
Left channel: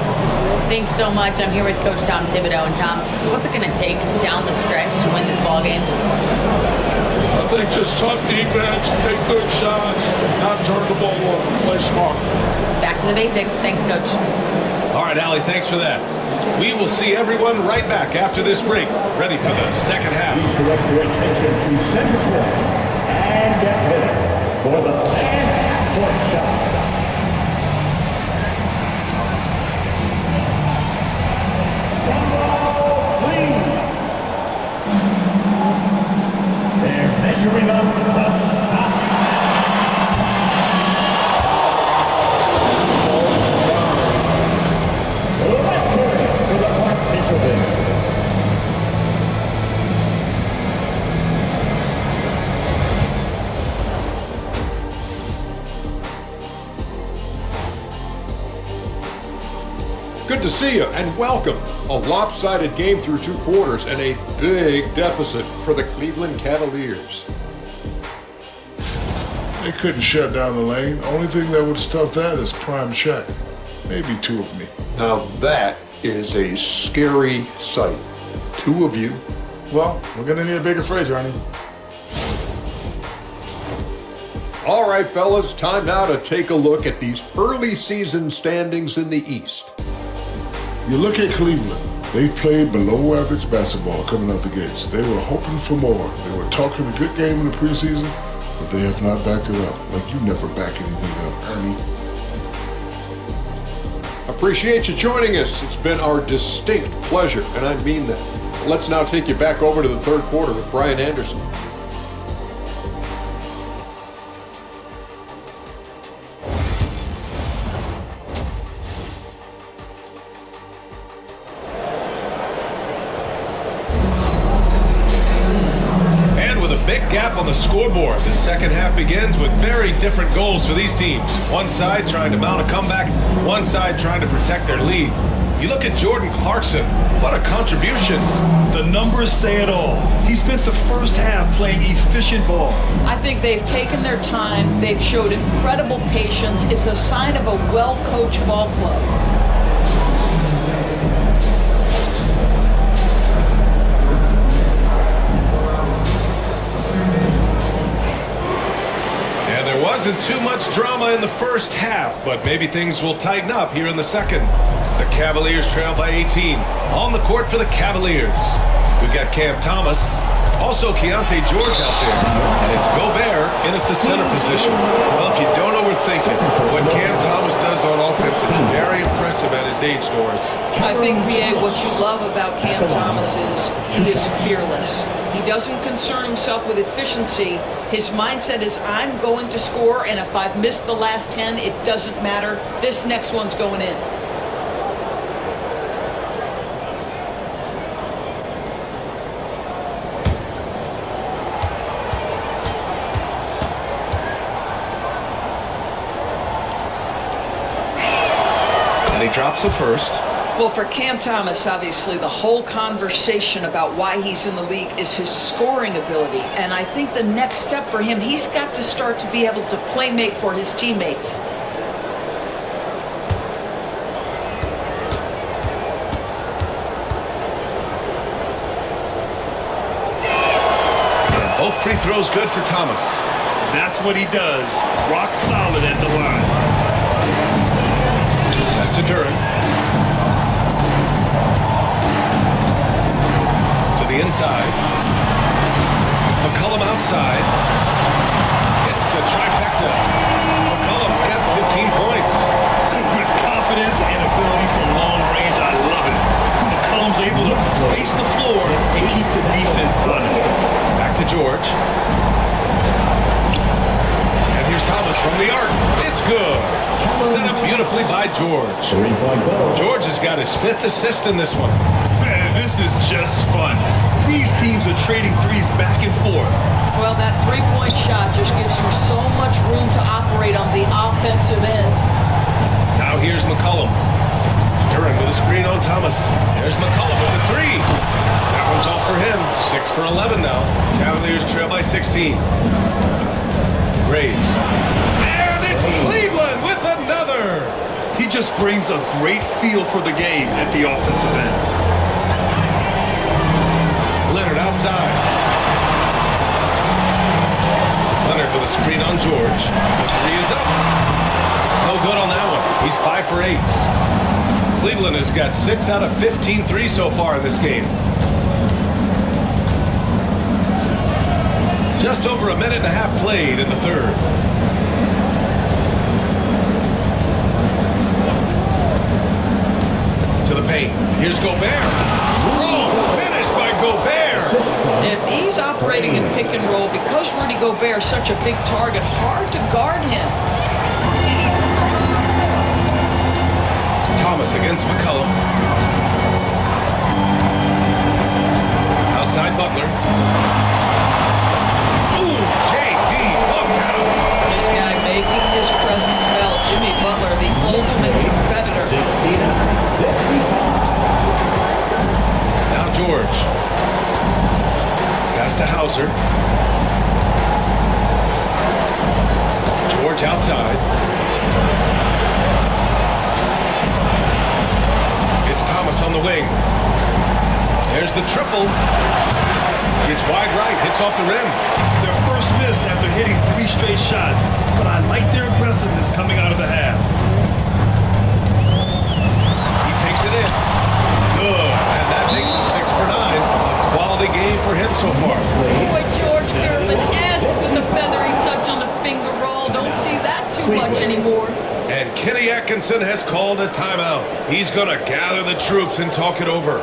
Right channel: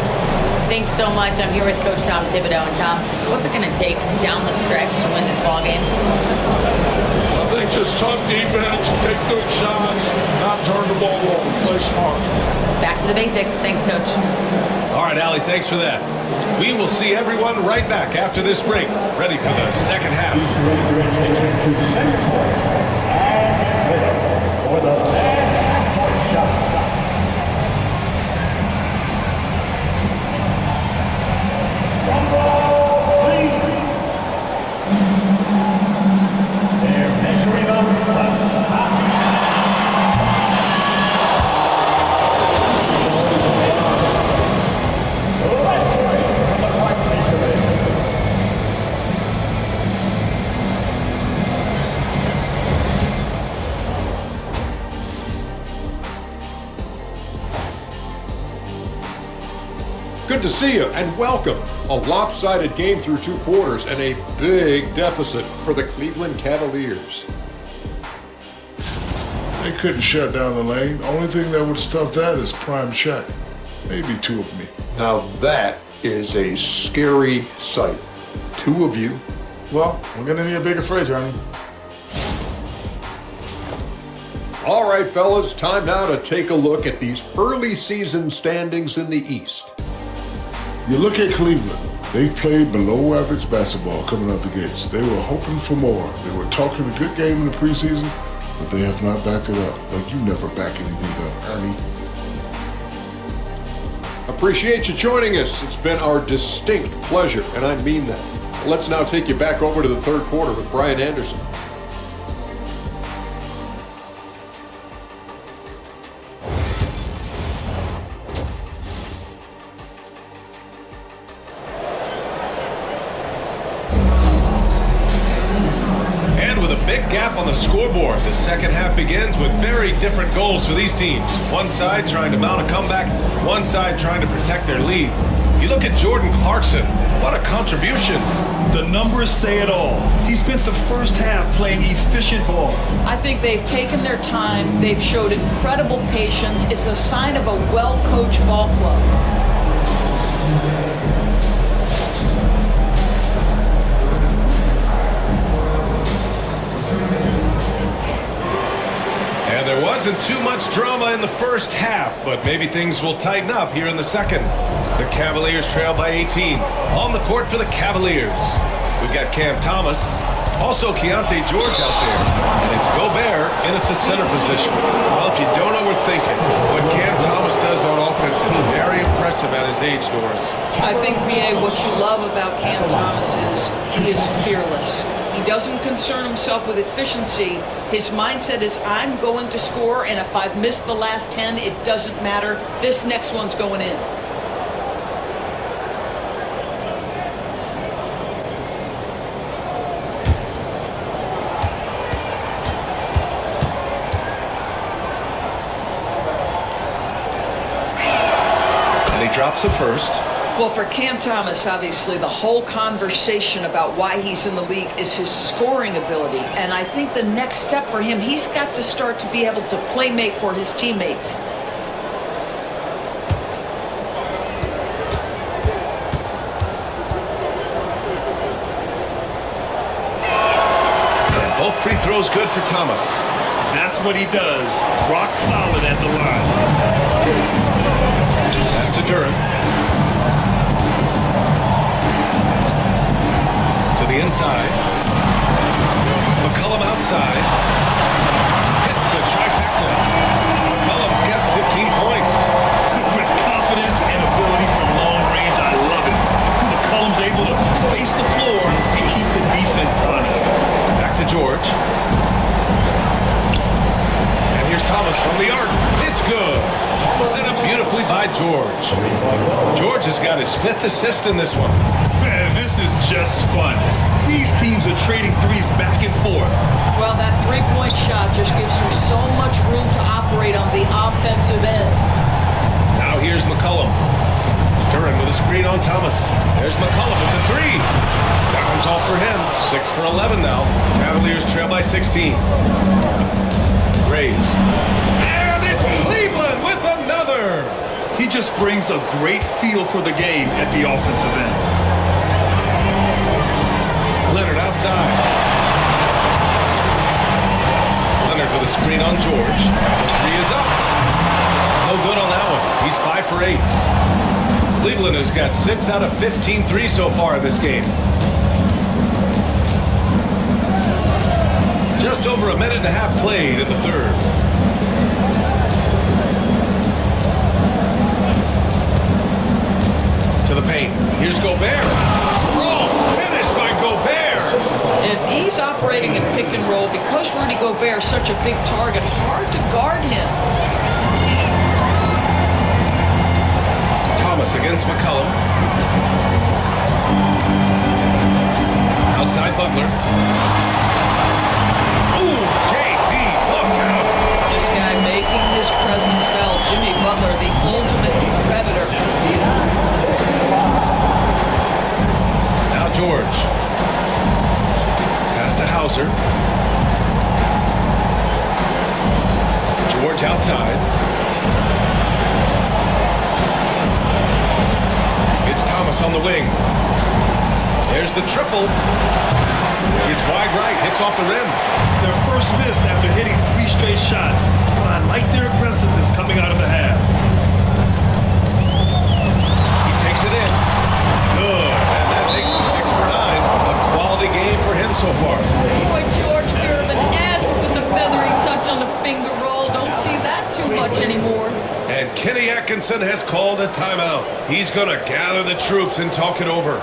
Thanks so much. I'm here with Coach Tom Thibodeau. And Tom, what's it going to take down the stretch to win this ball game? I think just tough defense, take good shots, not turn the ball over, play smart. Back to the basics. Thanks, Coach. All right, Allie, thanks for that. We will see everyone right back after this break, ready for the second half. Please direct your attention to center court and get ready for the fast half-court shot. They're measuring up the shot. Let's hear it for the participants. Good to see you and welcome. A lopsided game through 2 quarters and a big deficit for the Cleveland Cavaliers. They couldn't shut down the lane. Only thing that would stuff that is prime check. Maybe 2 of me. Now that is a scary sight. 2 of you. Well, we're going to need a bigger fridge, Ernie. All right, fellas, time now to take a look at these early season standings in the East. You look at Cleveland. They've played below average basketball coming out the gates. They were hoping for more. They were talking a good game in the preseason, but they have not backed it up. Like you never back anything up, Ernie. Appreciate you joining us. It's been our distinct pleasure, and I mean that. Let's now take you back over to the third quarter with Brian Anderson. And with a big gap on the scoreboard, the second half begins with very different goals for these teams. One side trying to mount a comeback, one side trying to protect their lead. You look at Jordan Clarkson, what a contribution. The numbers say it all. He spent the first half playing efficient ball. I think they've taken their time. They've showed incredible patience. It's a sign of a well-coached ball club. And there wasn't too much drama in the first half, but maybe things will tighten up here in the second. The Cavaliers trail by 18. On the court for the Cavaliers, we've got Cam Thomas, also Keontae George out there, and it's Gobert in at the center position. Well, if you don't know, we're thinking what Cam Thomas does on offense is very impressive at his age, Doris. I think, B.A., what you love about Cam Thomas is he is fearless. He doesn't concern himself with efficiency. His mindset is, I'm going to score, and if I've missed the last 10, it doesn't matter. This next one's going in. And he drops it first. Well, for Cam Thomas, obviously, the whole conversation about why he's in the league is his scoring ability. And I think the next step for him, he's got to start to be able to play make for his teammates. And both free throws good for Thomas. That's what he does. Rock solid at the line. Pass to Duran. To the inside. McCollum outside. Hits the trifecta. McCollum's got 15 points. With confidence and ability from long range, I love it. McCollum's able to space the floor and keep the defense honest. Back to George. And here's Thomas from the arc. It's good. Set up beautifully by George. George has got his 5th assist in this one. Man, this is just fun. These teams are trading threes back and forth. Well, that three-point shot just gives you so much room to operate on the offensive end. Now here's McCollum. Duran with a screen on Thomas. There's McCollum with the 3. That one's off for him. 6 for 11 now. Cavaliers trail by 16. Graves. And it's Cleveland with another. He just brings a great feel for the game at the offensive end. Leonard outside. Leonard with a screen on George. The 3 is up. No good on that one. He's 5 for 8. Cleveland has got 6 out of 15 threes so far in this game. Just over a minute and a half played in the third. To the paint. Here's Gobert. Strong finish by Gobert. If he's operating in pick and roll, because Rudy Gobert is such a big target, hard to guard him. Thomas against McCollum. Outside Butler. Ooh, JB, look out. This guy making his presence felt. Jimmy Butler, the ultimate competitor. Now George. Pass to Hauser. George outside. It's Thomas on the wing. There's the triple. It's wide right, hits off the rim. Their first miss after hitting 3 straight shots, but I like their aggressiveness coming out of the half. He takes it in. Good, and that makes him 6 for 9. A quality game for him so far. Boy, George Gervin-esque with the feathery touch on the finger roll. Don't see that too much anymore. And Kenny Atkinson has called a timeout. He's going to gather the troops and talk it over.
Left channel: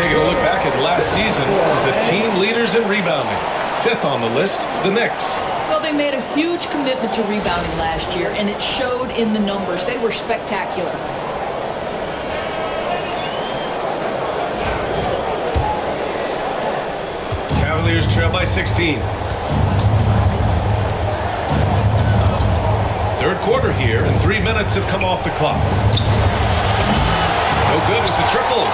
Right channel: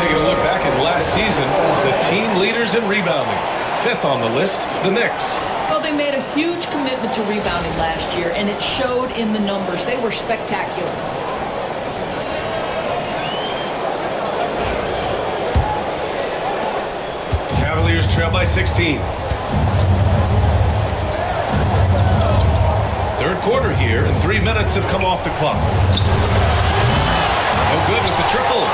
taking a look back at last season, the team leaders in rebounding. 5th on the list, the Knicks. Well, they made a huge commitment to rebounding last year, and it showed in the numbers. They were spectacular. Cavaliers trail by 16. Third quarter here, and 3 minutes have come off the clock. No good with the triple.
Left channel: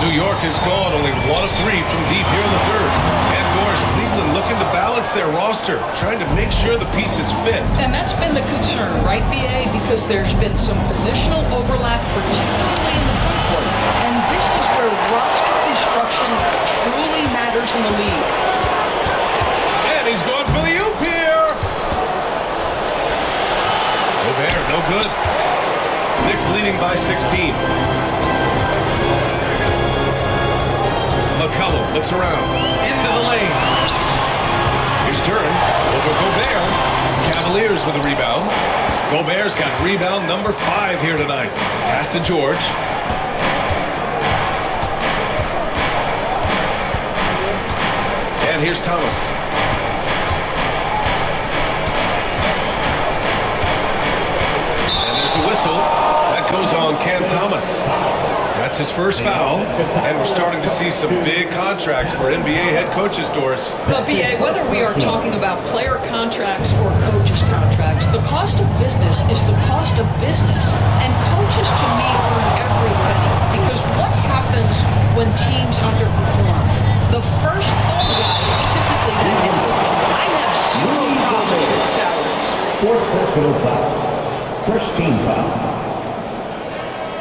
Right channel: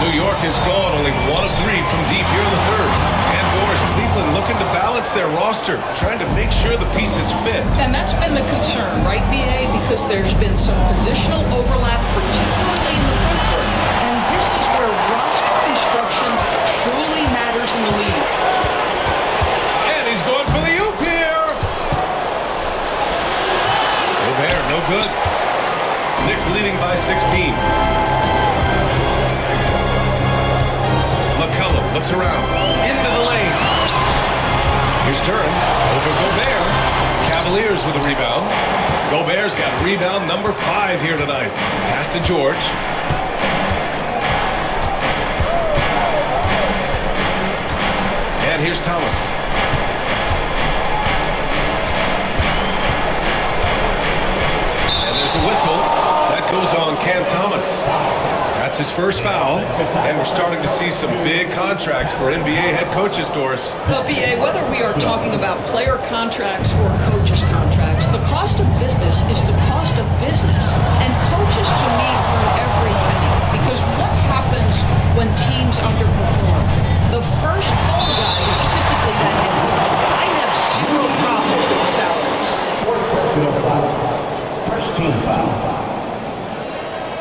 New York has gone only 1 of 3 from deep here in the third. And Doris, Cleveland looking to balance their roster, trying to make sure the pieces fit. And that's been the concern, right, BA? Because there's been some positional overlap, particularly in the front court. And this is where roster construction truly matters in the league. And he's going for the oop here. Gobert, no good. Knicks leading by 16. McCollum looks around. Into the lane. Here's Duran over Gobert. Cavaliers with a rebound. Gobert's got rebound number 5 here tonight. Pass to George. And here's Thomas. And there's a whistle. That goes on Cam Thomas. That's his first foul. And we're starting to see some big contracts for NBA head coaches, Doris. But, BA, whether we are talking about player contracts or coaches' contracts, the cost of business is the cost of business. And coaches, to me, earn every penny. Because what happens when teams underperform? The first fall guy is typically that head coach. I have 0 problems with the salaries. 4th personal foul. First team foul.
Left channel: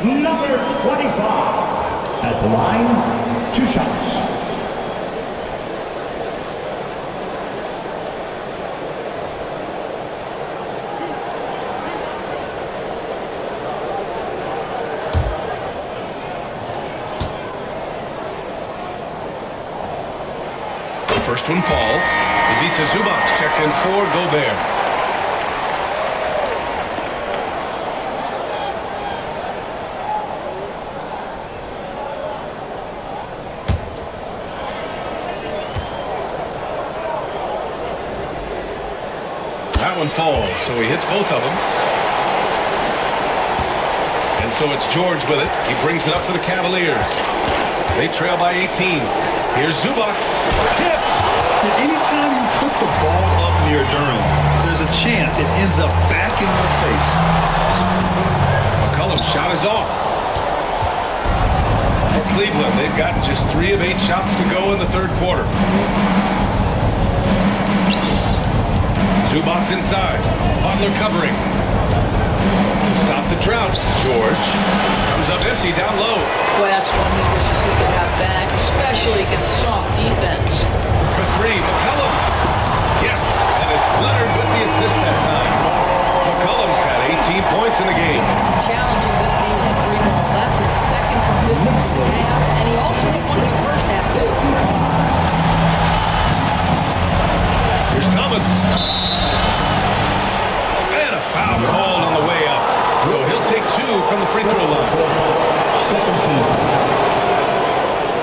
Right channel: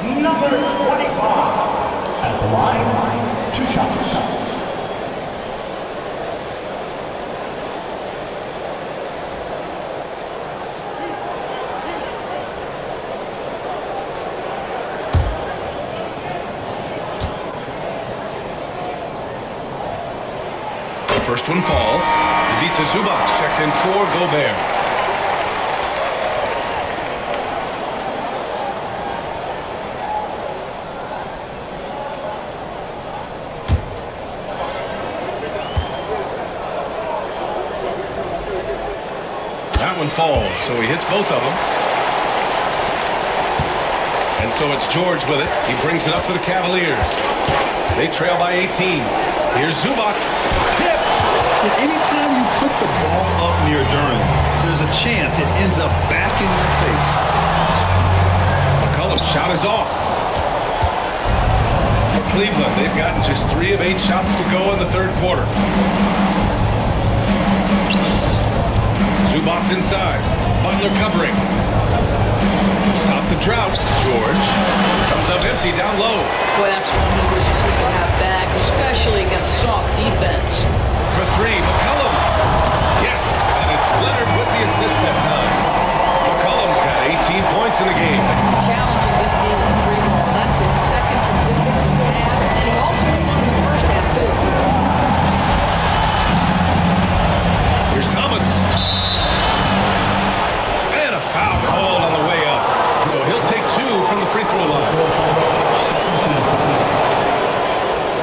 Number 25. At the line, 2 shots. The first one falls. Ivica Zubac checked in for Gobert. That one falls, so he hits both of them. And so it's George with it. He brings it up for the Cavaliers. They trail by 18. Here's Zubac. Tipped. Yet anytime you put the ball up near Duran, there's a chance it ends up back in your face. McCollum's shot is off. For Cleveland, they've gotten just 3 of 8 shots to go in the third quarter. Zubac inside. Butler covering. To stop the drought, George comes up empty down low. Boy, that's one he wishes he could have back, especially against soft defense. For 3, McCollum. Yes, and it's Leonard with the assist that time. McCollum's got 18 points in the game. Challenging this D with the 3 ball. That's his second from distance this half, and he also hit one in the first half, too. Here's Thomas. And a foul called on the way up. So he'll take 2 from the free throw line.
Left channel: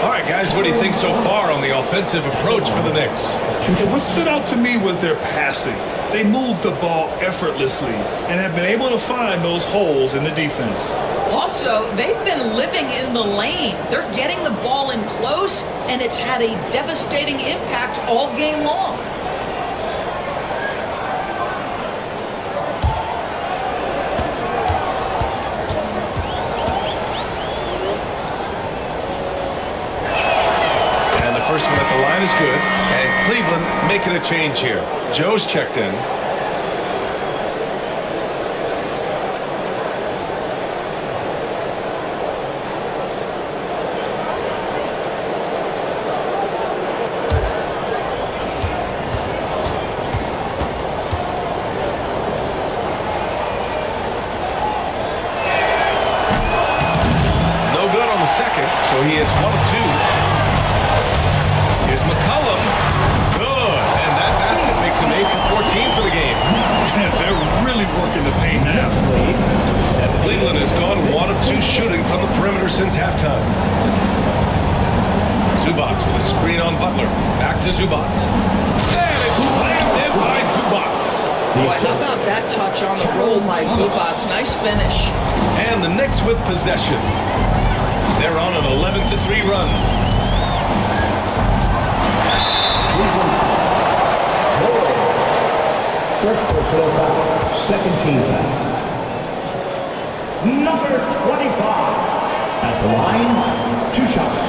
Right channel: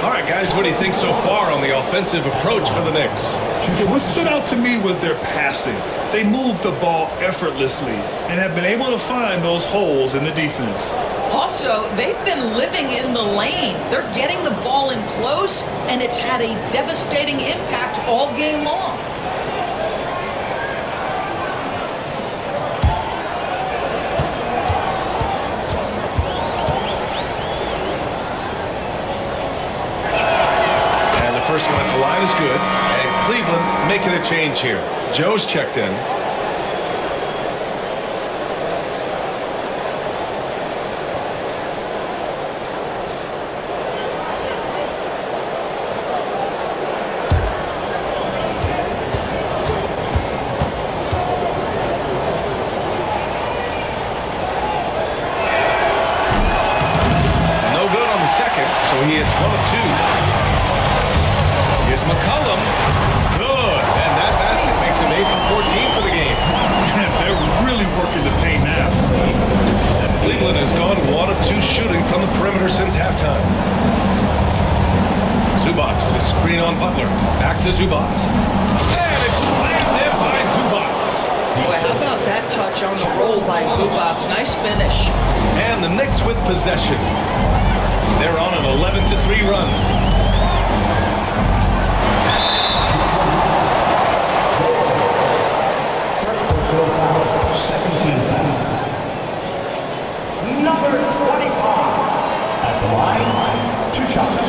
All right, guys, what do you think so far on the offensive approach for the Knicks? And what stood out to me was their passing. They moved the ball effortlessly and have been able to find those holes in the defense. Also, they've been living in the lane. They're getting the ball in close, and it's had a devastating impact all game long. And the first one at the line is good. And Cleveland making a change here. Joe's checked in. No good on the second, so he hits 1 of 2. Here's McCollum. Good. And that basket makes him 8 for 14 for the game. They're really working the paint now. Cleveland has gone 1 of 2 shooting from the perimeter since halftime. Zubats with a screen on Butler. Back to Zubats. And it's slammed in by Zubats. Boy, how about that touch on the roll by Zubats? Nice finish. And the Knicks with possession. They're on an 11-3 run. First personal foul, second team foul. Number 25 at the line, 2 shots.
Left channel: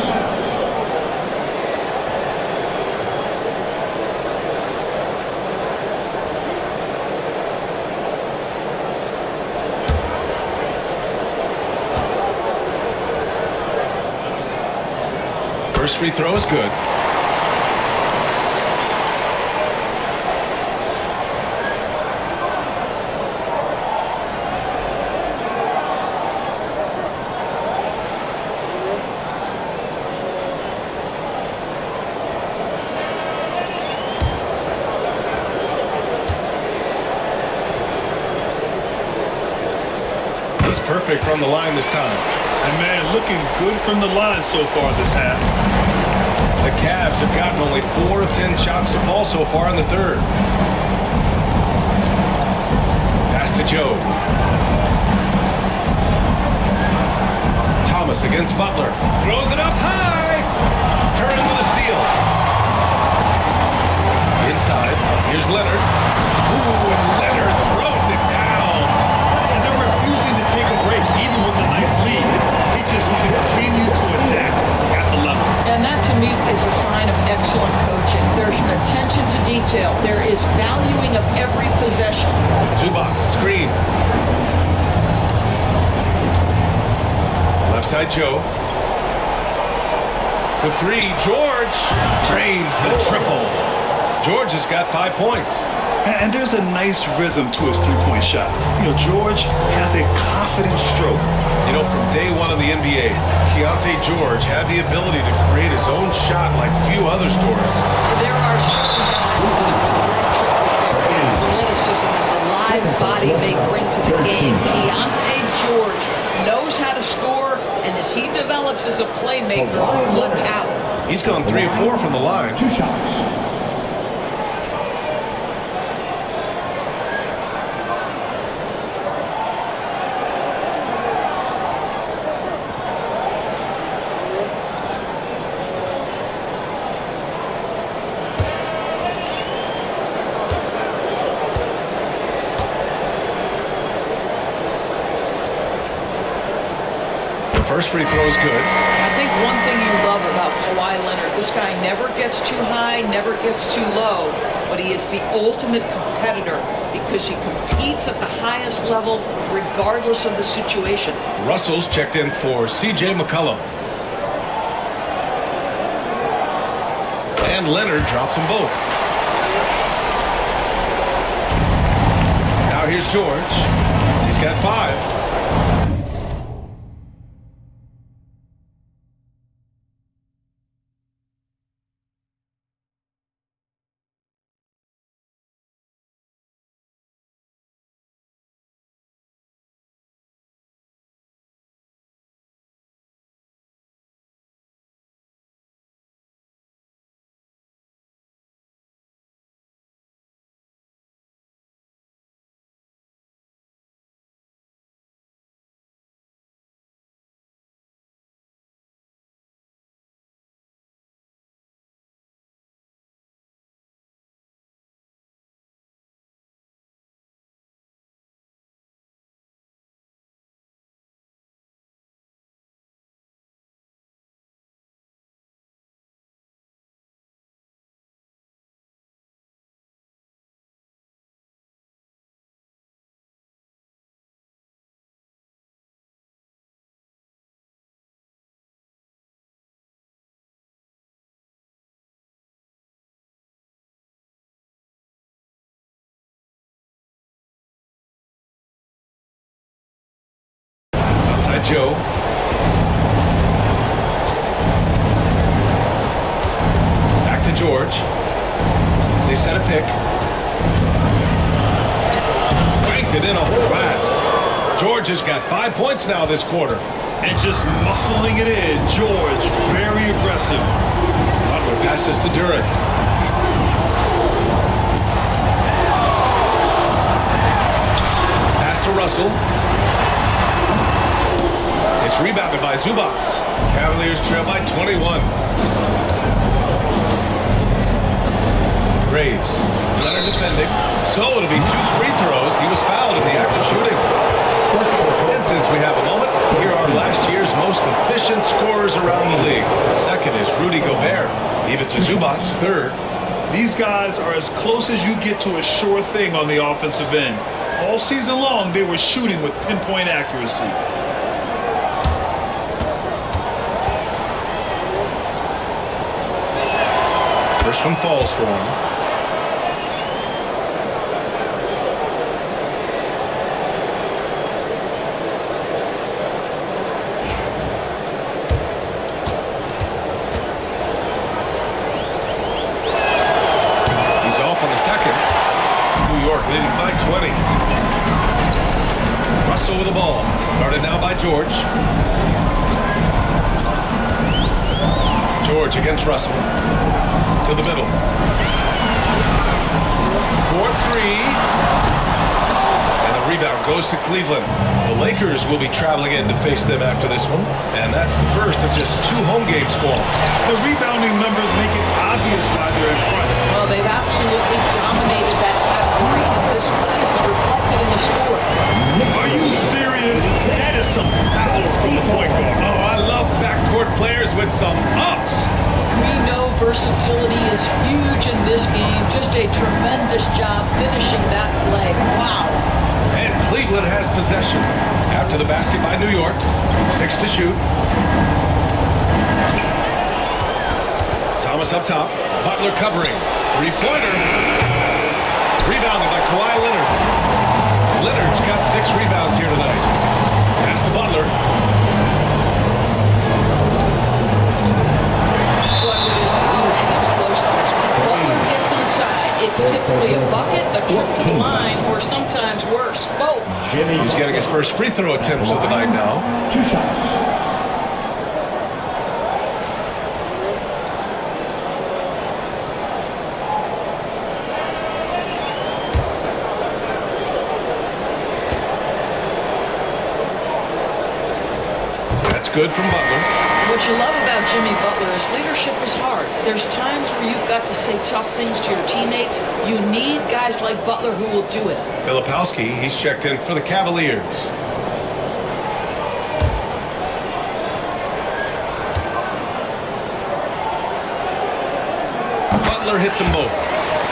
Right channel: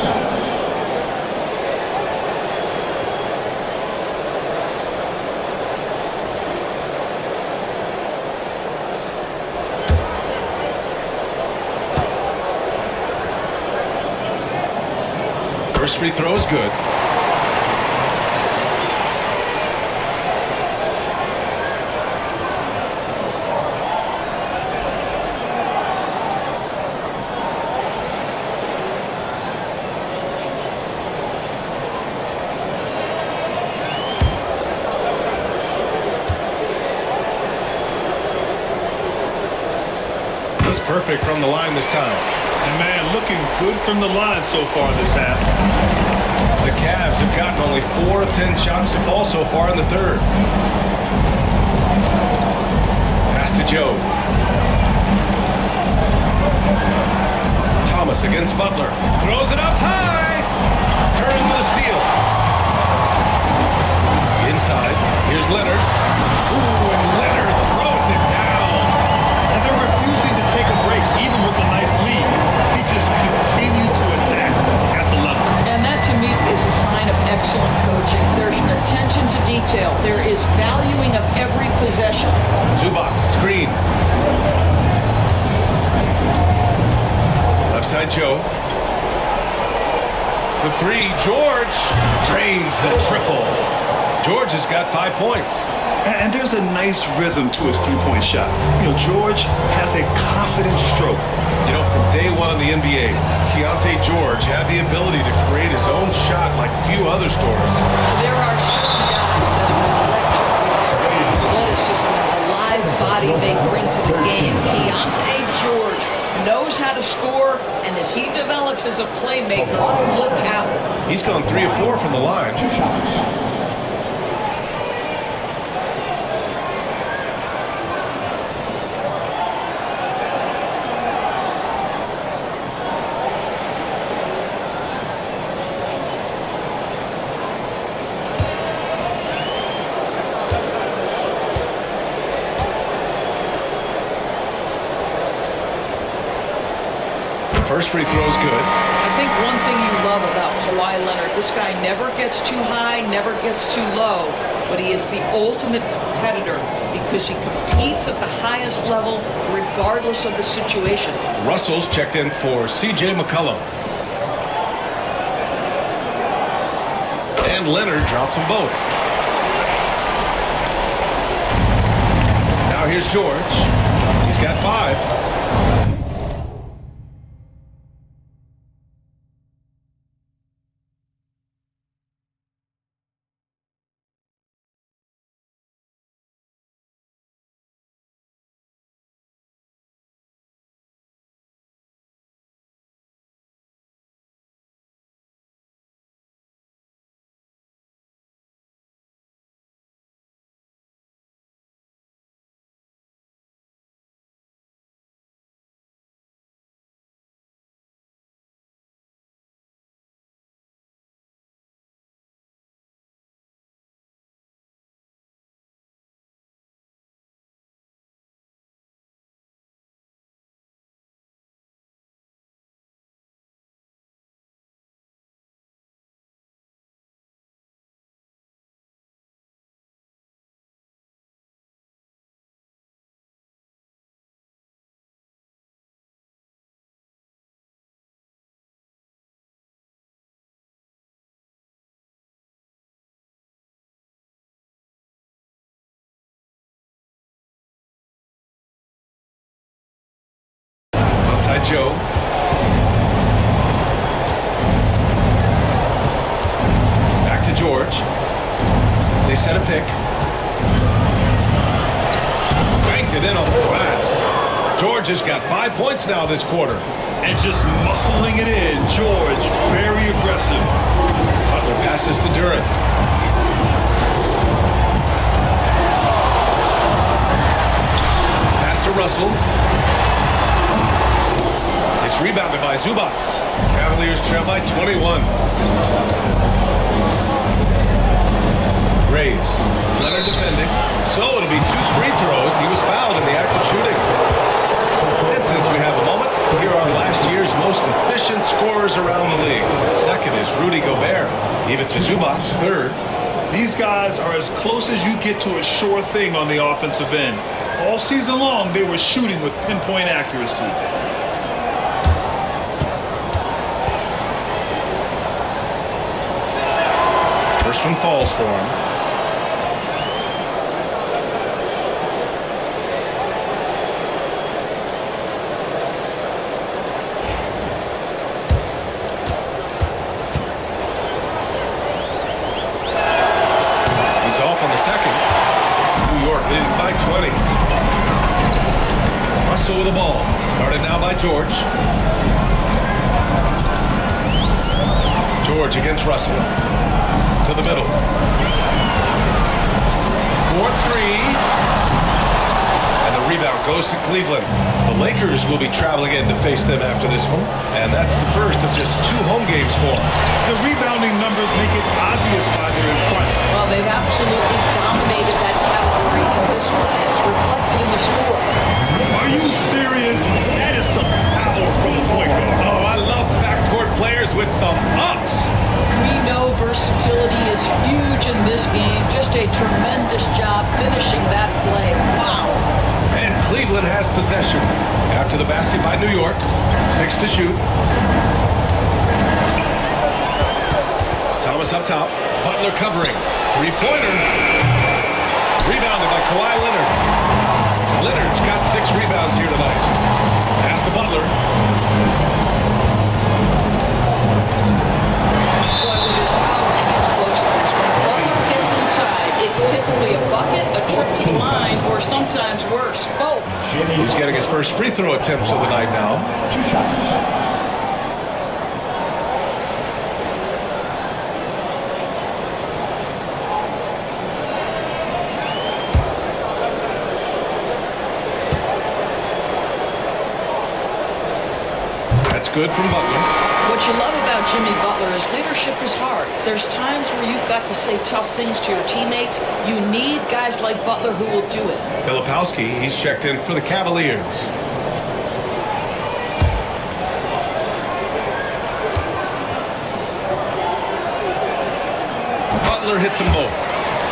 First free throw is good. He's perfect from the line this time. And man, looking good from the line so far this half. The Cavs have gotten only 4 of 10 shots to fall so far in the third. Pass to Joe. Thomas against Butler. Throws it up high. Curry with a steal. Inside. Here's Leonard. Ooh, and Leonard throws it down. And they're refusing to take a break, even with a nice lead. They just continue to attack at the level. And that, to me, is a sign of excellent coaching. There's an attention to detail. There is valuing of every possession. Zubats, screen. Left side, Joe. For 3, George drains the triple. George has got 5 points. And there's a nice rhythm to his three-point shot. You know, George has a confident stroke. You know, from day one in the NBA, Keontae George had the ability to create his own shot like few others, Doris. There are certain guys that are electric with their athleticism and the live body they bring to the game. Keontae George knows how to score, and as he develops as a playmaker, look out. He's gone 3 of 4 from the line. 2 shots. First free throw is good. I think one thing you love about Kawhi Leonard, this guy never gets too high, never gets too low, but he is the ultimate competitor because he competes at the highest level regardless of the situation. Russell's checked in for C.J. McCollum. And Leonard drops them both. Now here's George. He's got 5. Outside Joe. Back to George. They set a pick. Banked it in off the glass. George has got 5 points now this quarter. And just muscling it in. George, very aggressive. Butler passes to Duren. Pass to Russell. It's rebounded by Zubac. Cavaliers trail by 21. Graves. Leonard defending. So it'll be 2 free throws. He was fouled in the act of shooting. And since we have a moment, here are last year's most efficient scorers around the league. Second is Rudy Gobert. Ivica Zubac, third. These guys are as close as you get to a sure thing on the offensive end. All season long, they were shooting with pinpoint accuracy. First one falls for him. He's off on the second. New York leading by 20. Russell with the ball. Guarded now by George. George against Russell. To the middle. 4-3. And the rebound goes to Cleveland. The Lakers will be traveling in to face them after this one. And that's the first of just 2 home games for them. The rebounding numbers make it obvious why they're in front. Well, they've absolutely dominated that category in this one, and it's reflected in the score. Are you serious? That is some power from a point guard. Oh, I love backcourt players with some ups. We know versatility is huge in this game. Just a tremendous job finishing that play. Wow. And Cleveland has possession. After the basket by New York. 6 to shoot. Thomas up top. Butler covering. 3-pointer. Rebounded by Kawhi Leonard. Leonard's got 6 rebounds here tonight. Pass to Butler. Boy, with his power and explosiveness, when Butler gets inside, it's typically a bucket, a trip to the line, or sometimes worse, both. He's getting his first free throw attempts of the night now. 2 shots. That's good from Butler. What you love about Jimmy Butler is leadership is hard. There's times where you've got to say tough things to your teammates. You need guys like Butler who will do it. Filipowski, he's checked in for the Cavaliers. Butler hits them both.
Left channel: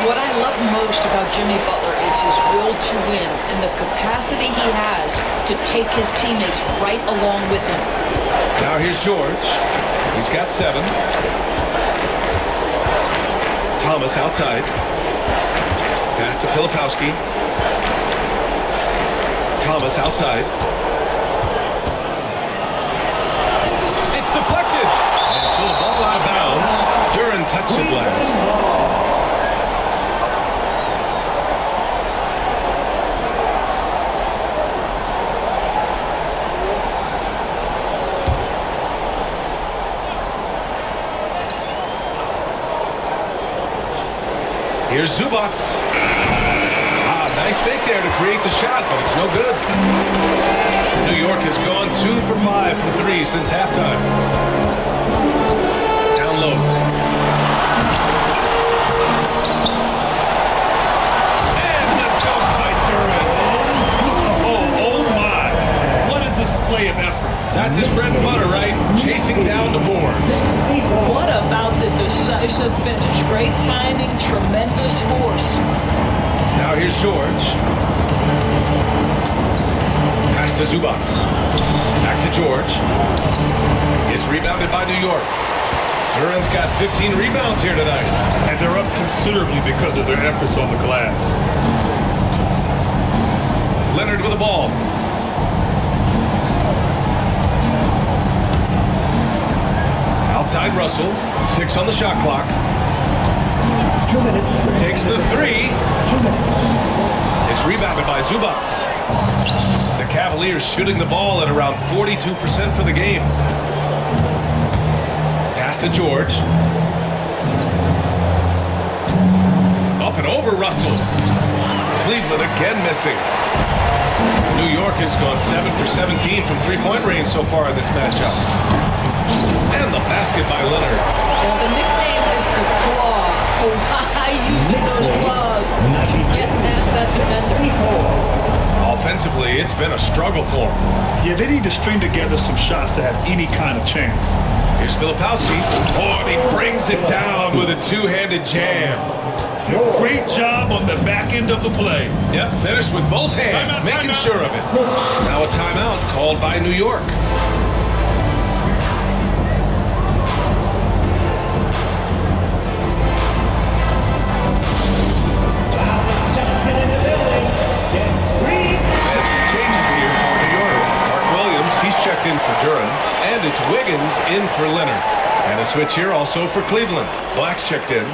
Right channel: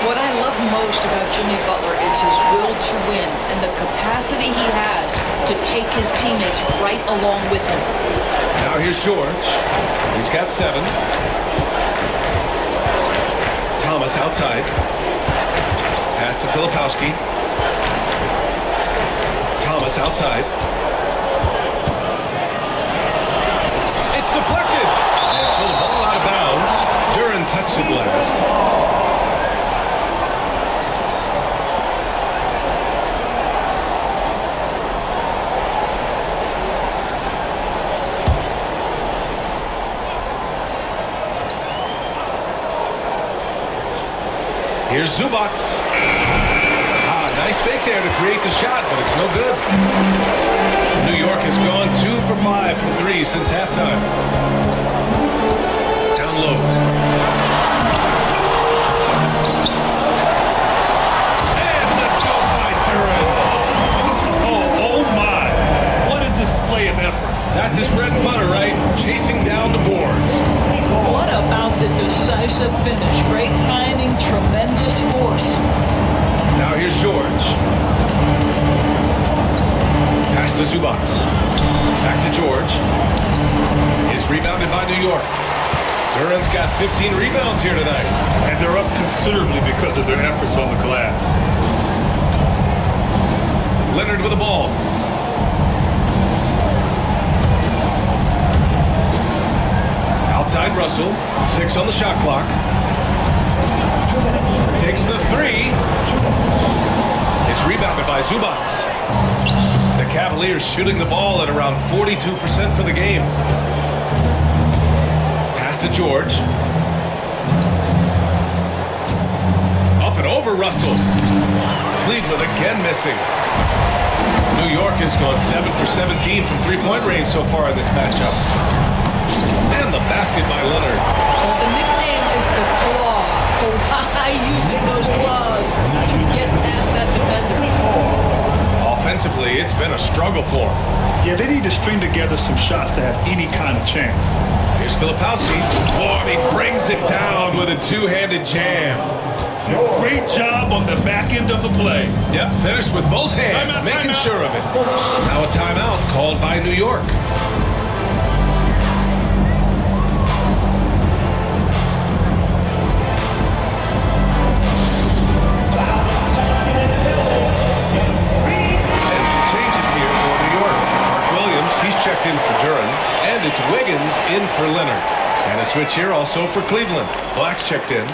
What I love most about Jimmy Butler is his will to win and the capacity he has to take his teammates right along with him. Now here's George. He's got 7. Thomas outside. Pass to Filipowski. Thomas outside. It's deflected. And so the ball out of bounds. Duren touched it last. Here's Zubac. Nice fake there to create the shot, but it's no good. New York has gone 2 for 5 from 3 since halftime. Down low. And the dunk by Duren. Oh my. What a display of effort. That's his bread and butter, right? Chasing down the boards. What about the decisive finish? Great timing, tremendous force. Now here's George. Pass to Zubac. Back to George. It's rebounded by New York. Duren's got 15 rebounds here tonight. And they're up considerably because of their efforts on the glass. Leonard with the ball. Outside Russell. 6 on the shot clock. Takes the 3. It's rebounded by Zubac. The Cavaliers shooting the ball at around 42% for the game. Pass to George. Up and over Russell. Cleveland again missing. New York has gone 7 for 17 from three-point range so far in this matchup. And the basket by Leonard. Well, the nickname is the Claw. Kawhi using those claws to get past that defender. Offensively, it's been a struggle for him. Yeah, they need to string together some shots to have any kind of chance. Here's Filipowski. Oh, and he brings it down with a two-handed jam. Great job on the back end of the play. Yep, finished with both hands, making sure of it. Now a timeout called by New York. And some changes here for New York. Mark Williams, he's checked in for Duran, and it's Wiggins in for Leonard. And a switch here also for Cleveland. Black's checked in.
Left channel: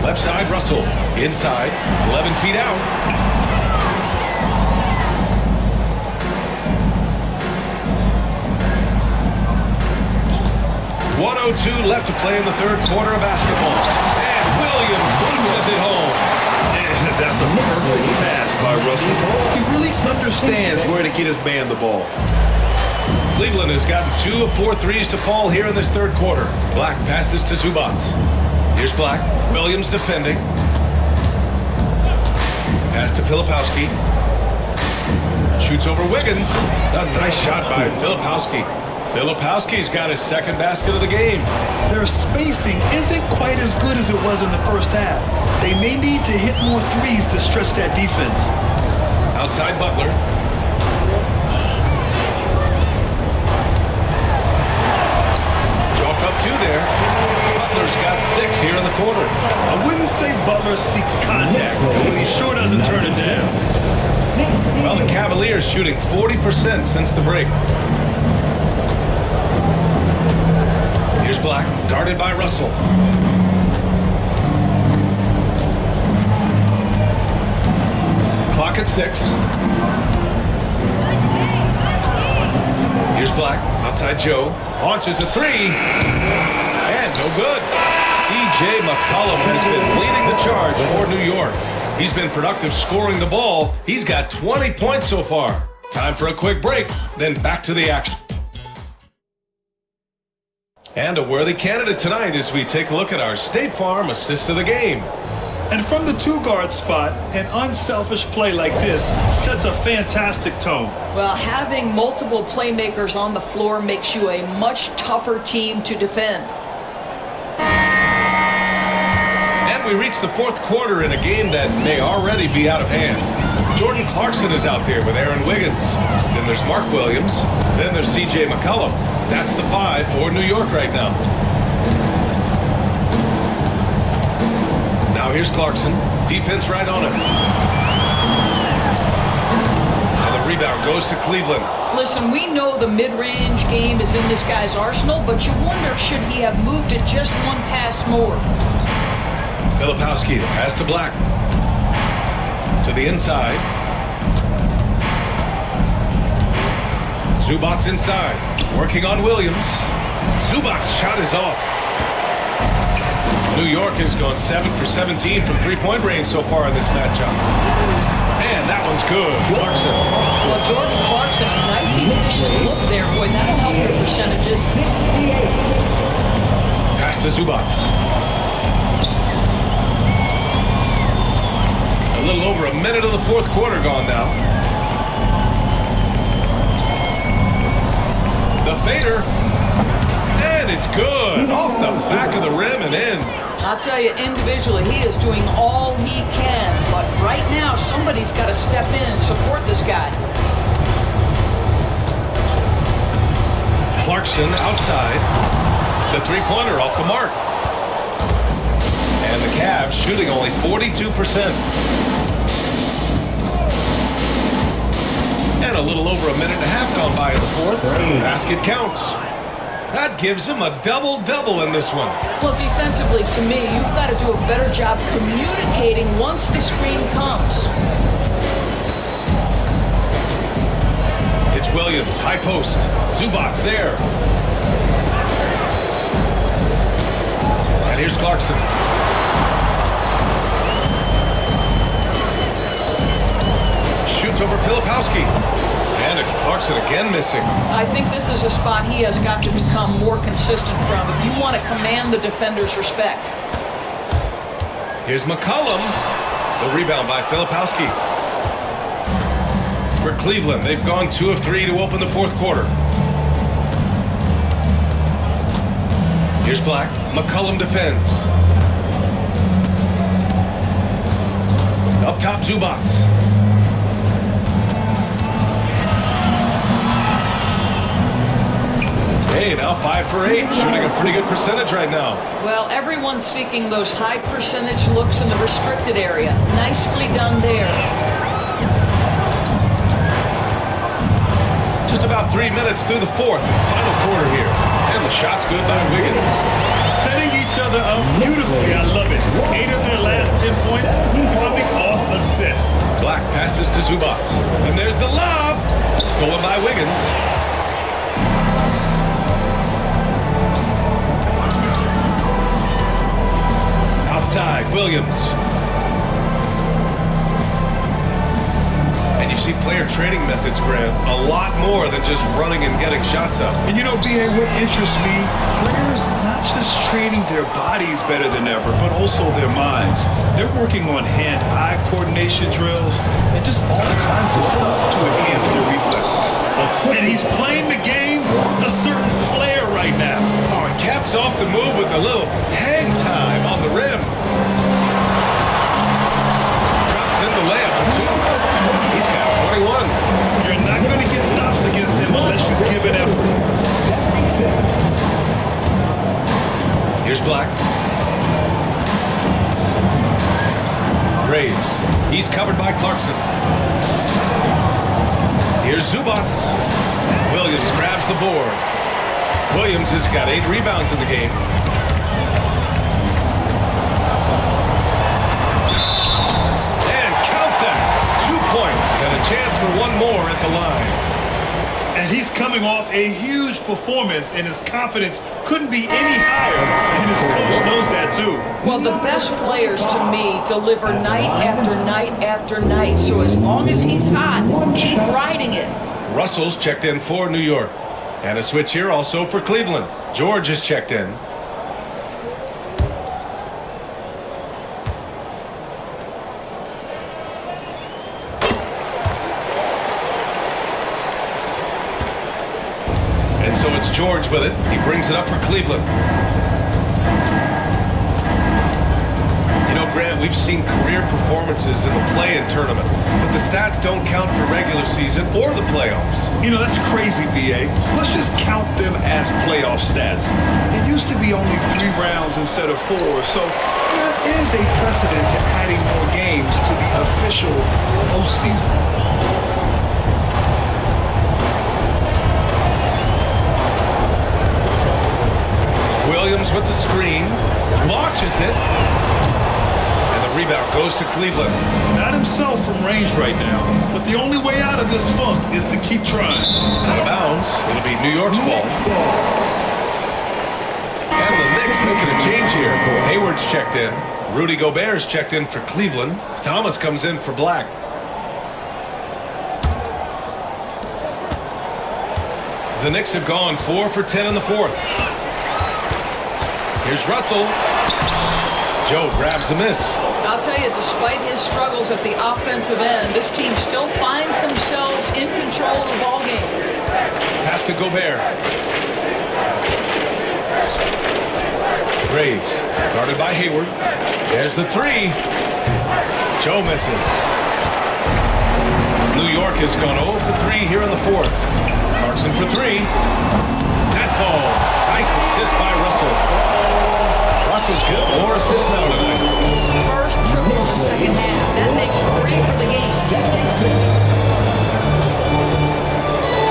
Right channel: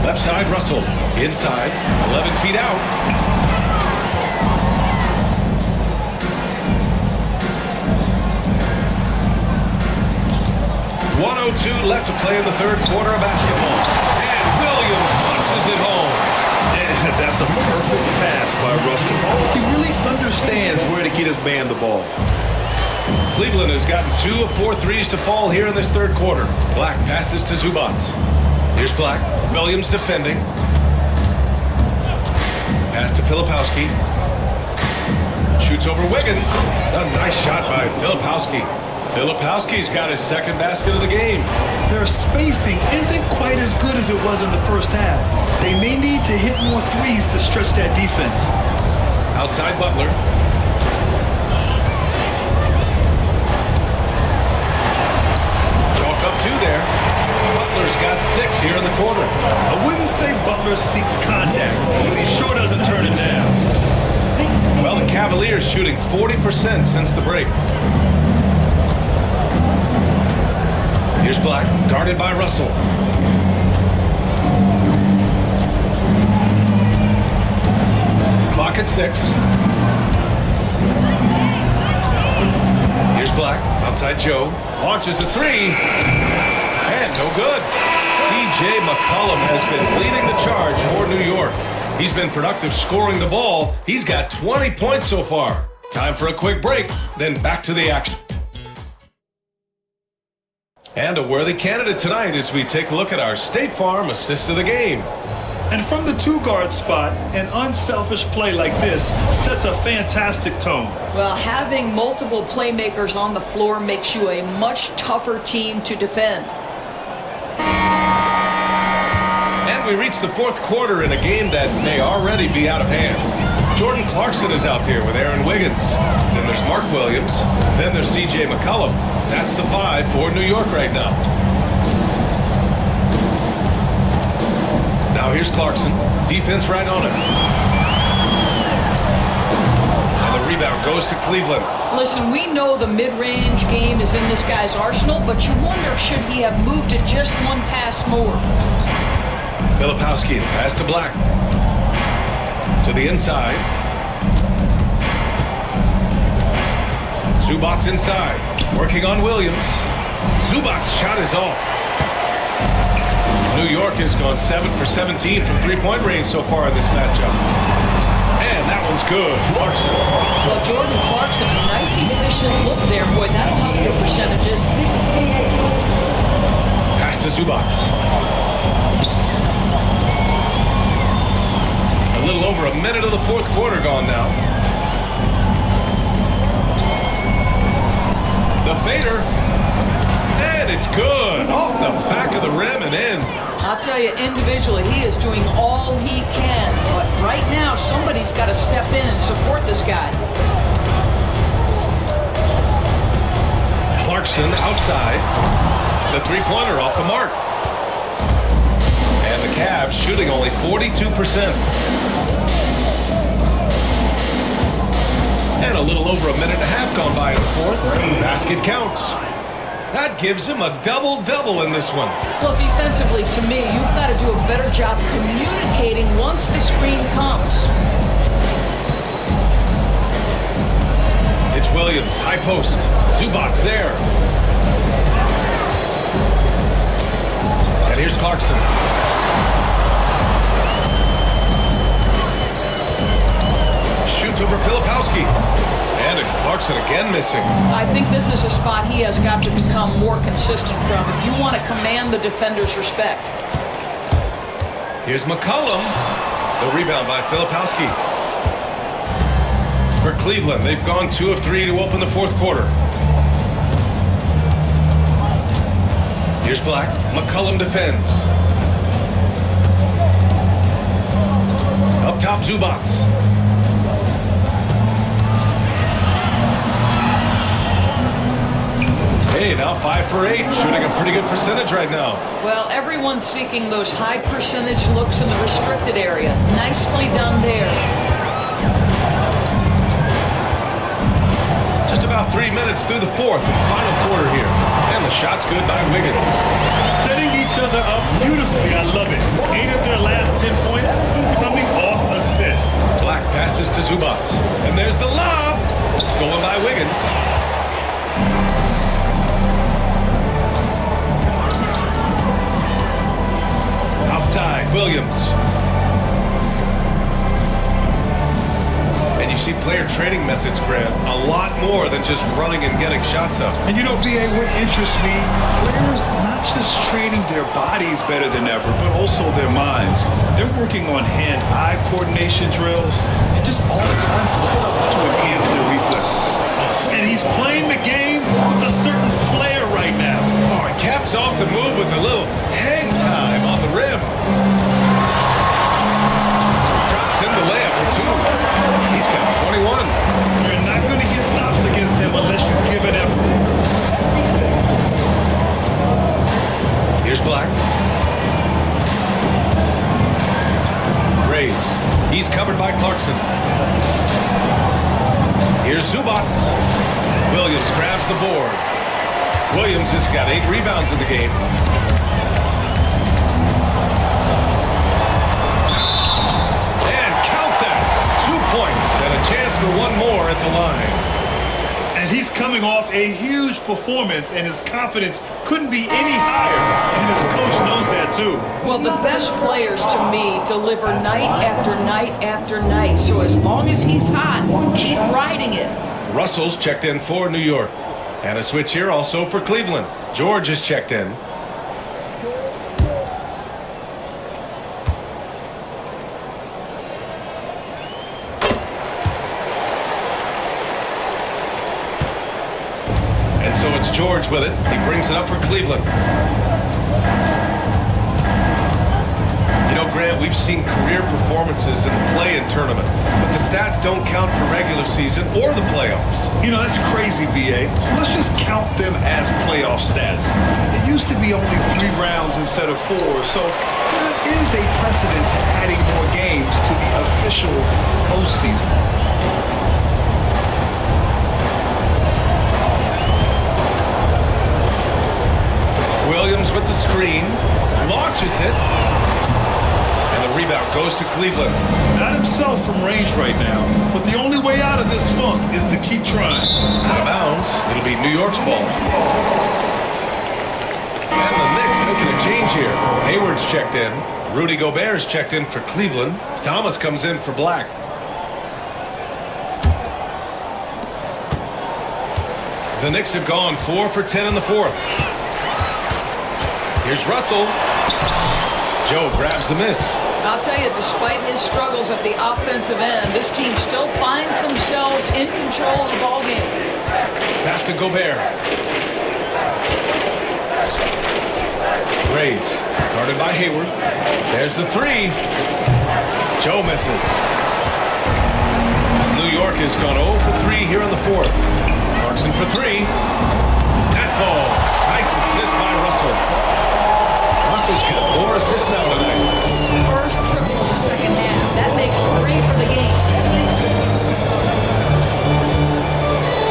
Left side, Russell. Inside, 11 feet out. .102 left to play in the third quarter of basketball. And Williams punches it home. That's a perfect pass by Russell. He really understands where to get his man the ball. Cleveland has gotten 2 of 4 threes to fall here in this third quarter. Black passes to Zubac. Here's Black. Williams defending. Pass to Filipowski. Shoots over Wiggins. A nice shot by Filipowski. Filipowski's got his second basket of the game. Their spacing isn't quite as good as it was in the first half. They may need to hit more threes to stretch that defense. Outside Butler. Chalk up 2 there. Butler's got 6 here in the quarter. I wouldn't say Butler seeks contact, but he sure doesn't turn it down. Well, the Cavaliers shooting 40% since the break. Here's Black, guarded by Russell. Clock at 6. Here's Black, outside Joe. Launches a 3. And no good. C.J. McCollum has been leading the charge for New York. He's been productive scoring the ball. He's got 20 points so far. Time for a quick break, then back to the action. And a worthy candidate tonight as we take a look at our State Farm assist of the game. And from the 2-guard spot, an unselfish play like this sets a fantastic tone. Well, having multiple playmakers on the floor makes you a much tougher team to defend. And we reach the fourth quarter in a game that may already be out of hand. Jordan Clarkson is out there with Aaron Wiggins. Then there's Mark Williams. Then there's C.J. McCollum. That's the 5 for New York right now. Now here's Clarkson. Defense right on him. And the rebound goes to Cleveland. Listen, we know the mid-range game is in this guy's arsenal, but you wonder, should he have moved it just one pass more? Filipowski, the pass to Black. To the inside. Zubac's inside. Working on Williams. Zubac's shot is off. New York has gone 7 for 17 from three-point range so far in this matchup. And that one's good. Clarkson. Well, Jordan Clarkson, a nice, efficient look there. Boy, that'll help your percentages. Pass to Zubac. A little over a minute of the fourth quarter gone now. The fader. And it's good. Off the back of the rim and in. I'll tell you, individually, he is doing all he can. But right now, somebody's got to step in and support this guy. Clarkson outside. The three-pointer off the mark. And the Cavs shooting only 42%. And a little over a minute and a half gone by in the fourth. Basket counts. That gives him a double-double in this one. Well, defensively, to me, you've got to do a better job communicating once the screen comes. It's Williams, high post. Zubac's there. And here's Clarkson. Shoots over Filipowski. And it's Clarkson again missing. I think this is a spot he has got to become more consistent from if you want to command the defender's respect. Here's McCollum. The rebound by Filipowski. For Cleveland, they've gone 2 of 3 to open the fourth quarter. Here's Black. McCollum defends. Up top, Zubats. Hey, now 5 for 8, shooting a pretty good percentage right now. Well, everyone's seeking those high percentage looks in the restricted area. Nicely done there. Just about 3 minutes through the fourth and final quarter here. And the shot's good by Wiggins. Setting each other up beautifully. I love it. 8 of their last 10 points coming off assists. Black passes to Zubac. And there's the lob. Stolen by Wiggins. Outside, Williams. And you see player training methods, Grant, a lot more than just running and getting shots up. And you know, B.A., what interests me, players not just training their bodies better than ever, but also their minds. They're working on hand-eye coordination drills and just all kinds of stuff to enhance their reflexes. And he's playing the game with a certain flair right now. Oh, he caps off the move with a little hang time on the rim. Drops in the layup for 2. He's got 21. You're not going to get stops against him unless you give an effort. Here's Black. Graves. He's covered by Clarkson. Here's Zubats. Williams grabs the board. Williams has got 8 rebounds in the game. And count that. 2 points and a chance for one more at the line. And he's coming off a huge performance, and his confidence couldn't be any higher. And his coach knows that too. Well, the best players to me deliver night after night after night. So as long as he's hot, keep riding it. Russell's checked in for New York. And a switch here also for Cleveland. George is checked in. And so it's George with it. He brings it up for Cleveland. You know, Grant, we've seen career performances in the play-in tournament, but the stats don't count for regular season or the playoffs. You know, that's crazy, B.A. So let's just count them as playoff stats. It used to be only 3 rounds instead of 4, so there is a precedent to adding more games to the official postseason. Williams with the screen, launches it, and the rebound goes to Cleveland. Not himself from range right now, but the only way out of this funk is to keep trying. Out of bounds, it'll be New York's ball. And the Knicks making a change here. Hayward's checked in. Rudy Gobert's checked in for Cleveland. Thomas comes in for Black. The Knicks have gone 4 for 10 in the fourth. Here's Russell. Joe grabs the miss. I'll tell you, despite his struggles at the offensive end, this team still finds themselves in control of the ball game. Pass to Gobert. Graves, guarded by Hayward. There's the 3. Joe misses. New York has gone 0 for 3 here in the fourth. Clarkson for 3. That falls. Nice assist by Russell. Russell's got 4 assists now tonight. His first triple of the second half. That makes 3 for the game.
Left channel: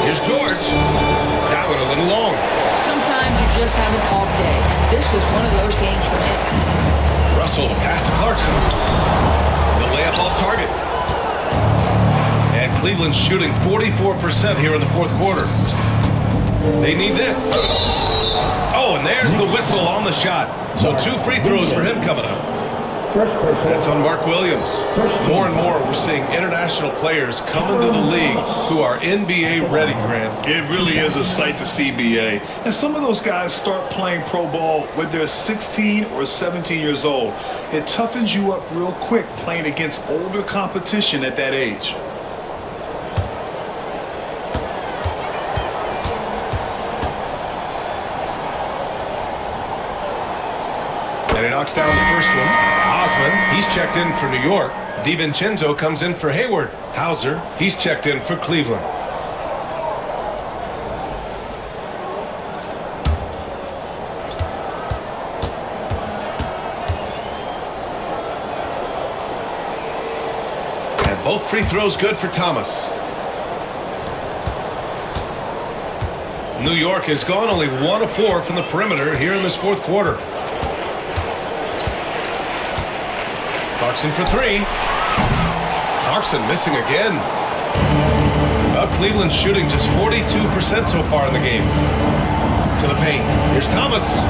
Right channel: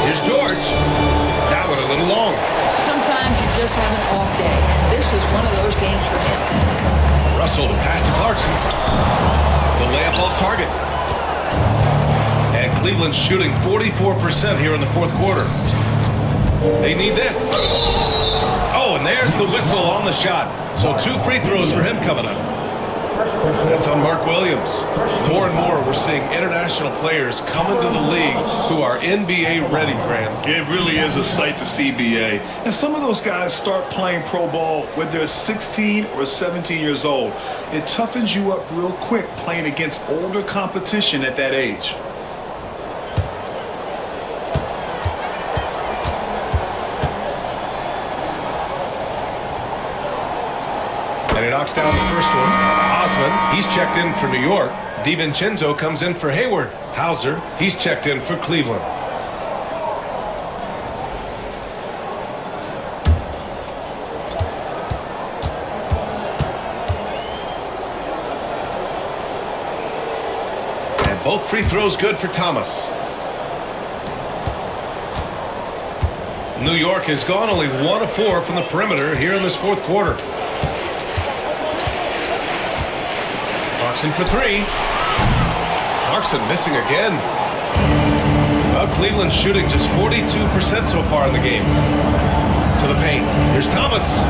Here's George. That one a little long. Sometimes you just have an off day, and this is one of those games for him. Russell to pass to Clarkson. The layup off target. And Cleveland's shooting 44% here in the fourth quarter. They need this. Oh, and there's the whistle on the shot. So 2 free throws for him coming up. That's on Mark Williams. More and more, we're seeing international players come into the league who are NBA ready, Grant. It really is a sight to see, BA. And some of those guys start playing pro ball when they're 16 or 17 years old. It toughens you up real quick playing against older competition at that age. And he knocks down the first one. Osman, he's checked in for New York. DiVincenzo comes in for Hayward. Hauser, he's checked in for Cleveland. And both free throws good for Thomas. New York has gone only 1 of 4 from the perimeter here in this fourth quarter. Clarkson for 3. Clarkson missing again. Well, Cleveland's shooting just 42% so far in the game. To the paint. Here's Thomas.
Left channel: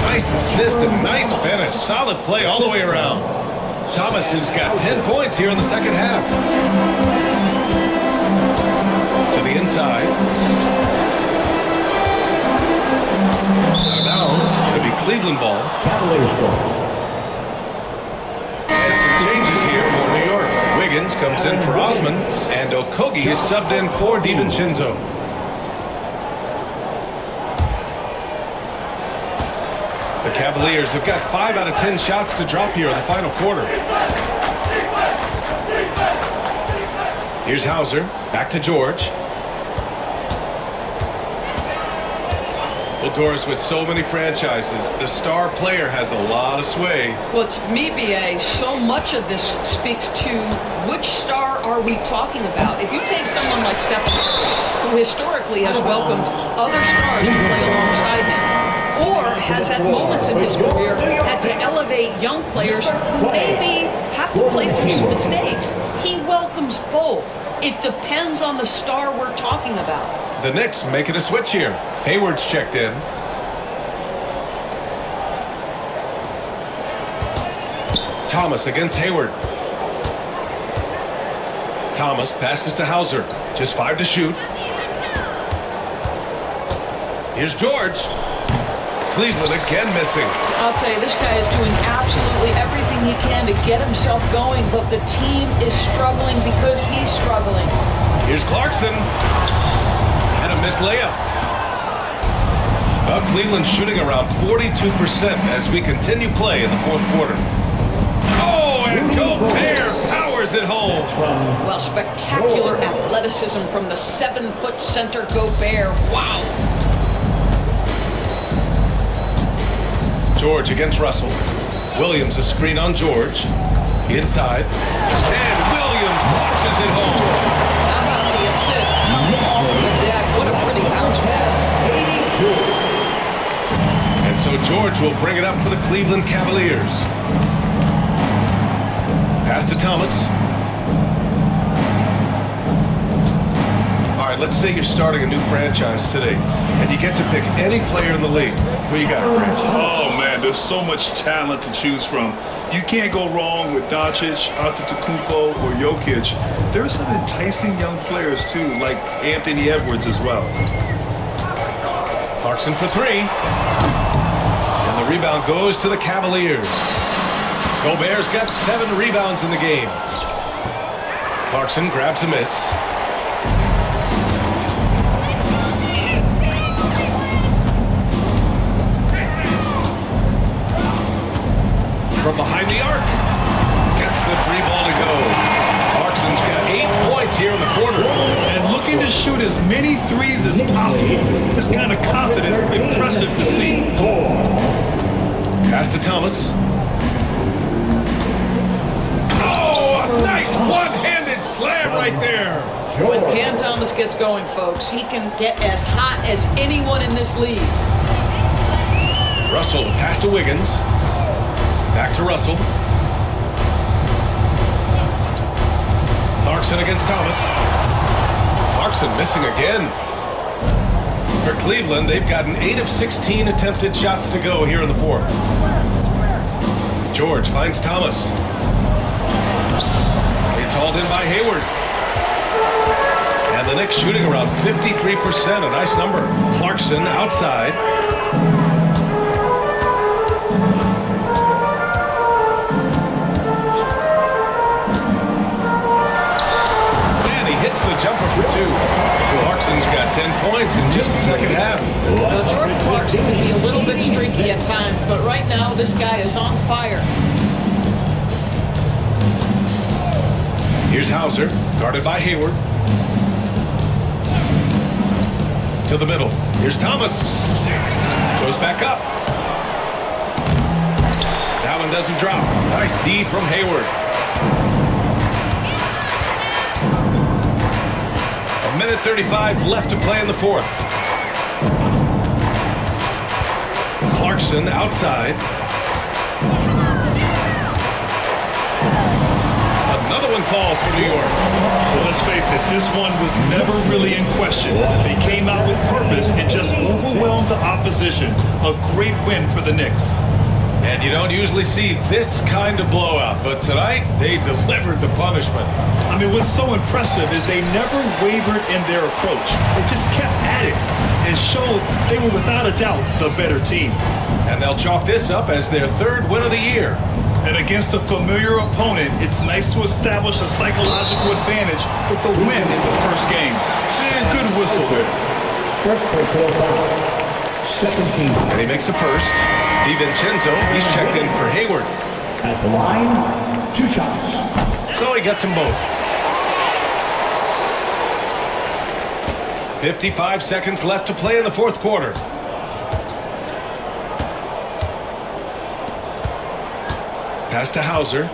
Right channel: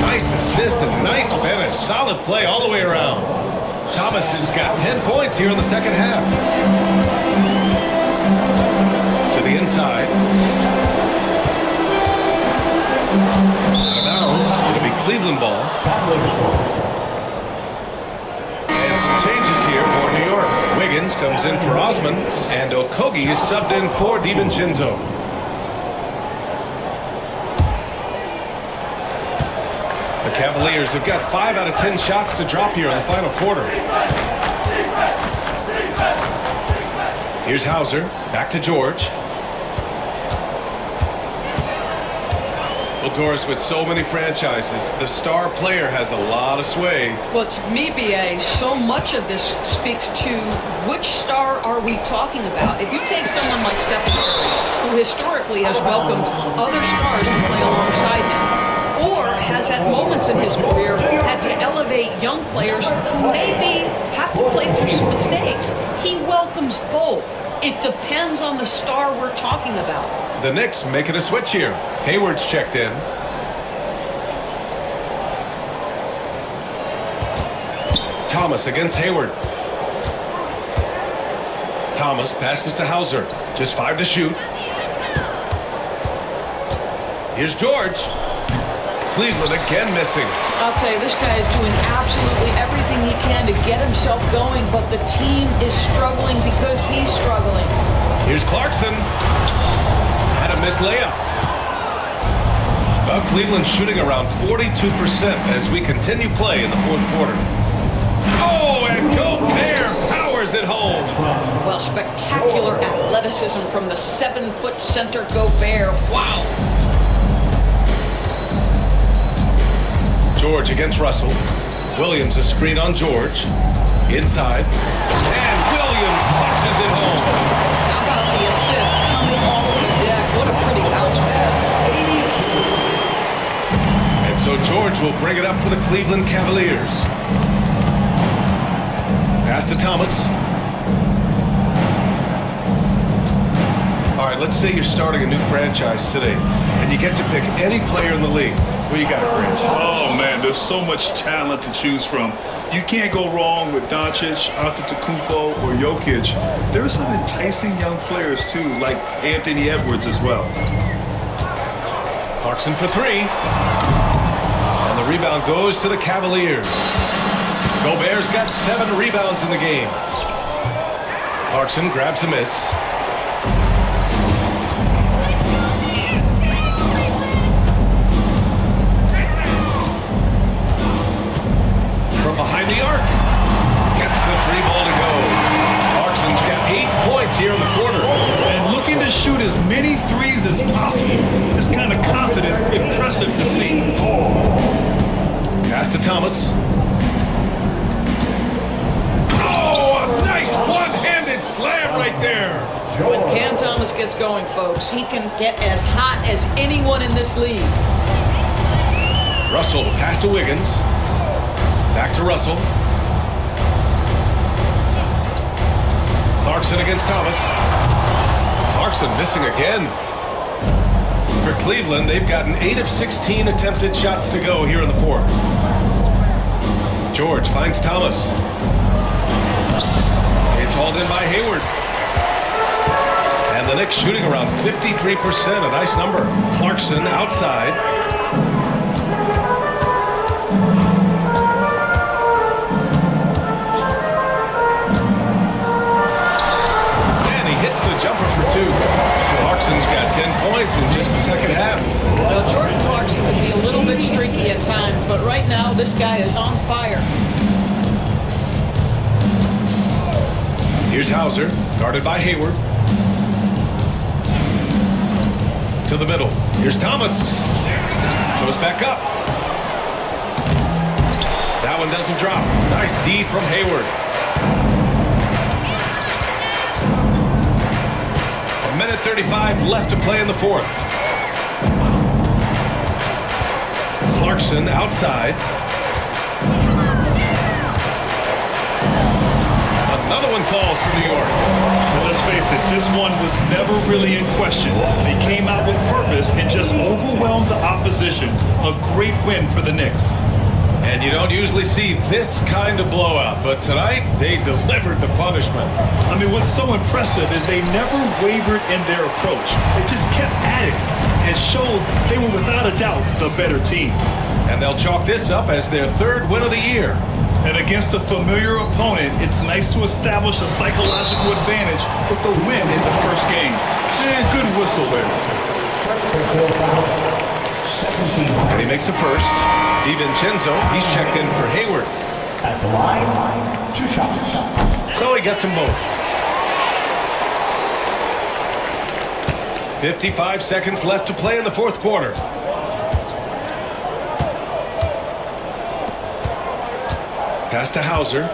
Nice assist and nice finish. Solid play all the way around. Thomas has got 10 points here in the second half. To the inside. Out of bounds. It'll be Cleveland ball. Cavaliers ball. And some changes here for New York. Wiggins comes in for Osman, and Okogie is subbed in for DiVincenzo. The Cavaliers have got 5 out of 10 shots to drop here in the final quarter. Here's Hauser, back to George. Well, Doris, with so many franchises, the star player has a lot of sway. Well, to me, BA, so much of this speaks to which star are we talking about. If you take someone like Stephen Curry, who historically has welcomed other stars to play alongside him, or has at moments in his career had to elevate young players who maybe have to play through some mistakes, he welcomes both. It depends on the star we're talking about. The Knicks making a switch here. Hayward's checked in. Thomas against Hayward. Thomas passes to Hauser. Just 5 to shoot. Here's George. Cleveland again missing. I'll tell you, this guy is doing absolutely everything he can to get himself going, but the team is struggling because he's struggling. Here's Clarkson. And a missed layup. Well, Cleveland's shooting around 42% as we continue play in the fourth quarter. Oh, and Gobert powers it home. Well, spectacular athleticism from the 7-foot center Gobert. Wow. George against Russell. Williams a screen on George. Inside. And Williams punches it home. How about the assist coming off the deck? What a pretty bounce pass. 82. And so George will bring it up for the Cleveland Cavaliers. Pass to Thomas. All right, let's say you're starting a new franchise today, and you get to pick any player in the league. Who you got, Grant? Oh, man, there's so much talent to choose from. You can't go wrong with Doncic, Antetokounmpo, or Jokic. There are some enticing young players, too, like Anthony Edwards as well. Clarkson for 3. And the rebound goes to the Cavaliers. Gobert's got 7 rebounds in the game. Clarkson grabs a miss. From behind the arc. Gets the 3 ball to go. Clarkson's got 8 points here in the quarter. And looking to shoot as many threes as possible. This kind of confidence, impressive to see. Pass to Thomas. Oh, nice one-handed slam right there. When Cam Thomas gets going, folks, he can get as hot as anyone in this league. Russell, the pass to Wiggins. Back to Russell. Clarkson against Thomas. Clarkson missing again. For Cleveland, they've gotten 8 of 16 attempted shots to go here in the fourth. George finds Thomas. It's hauled in by Hayward. And the Knicks shooting around 53%, a nice number. Clarkson outside. And he hits the jumper for 2. Clarkson's got 10 points in just the second half. Now, Jordan Clarkson can be a little bit streaky at times, but right now this guy is on fire. Here's Hauser, guarded by Hayward. To the middle. Here's Thomas. Goes back up. That one doesn't drop. Nice D from Hayward. A minute 35 left to play in the fourth. Clarkson outside. Another one falls for New York. And let's face it, this one was never really in question. They came out with purpose and just overwhelmed the opposition. A great win for the Knicks. And you don't usually see this kind of blowout, but tonight they delivered the punishment. I mean, what's so impressive is they never wavered in their approach. They just kept at it and showed they were without a doubt the better team. And they'll chalk this up as their 3rd win of the year. And against a familiar opponent, it's nice to establish a psychological advantage with the win in the first game. Man, good whistle there. First personal foul. Second team foul. And he makes a first. DiVincenzo, he's checked in for Hayward. At the line, 2 shots. So he gets them both. 55 seconds left to play in the fourth quarter. Pass to Hauser.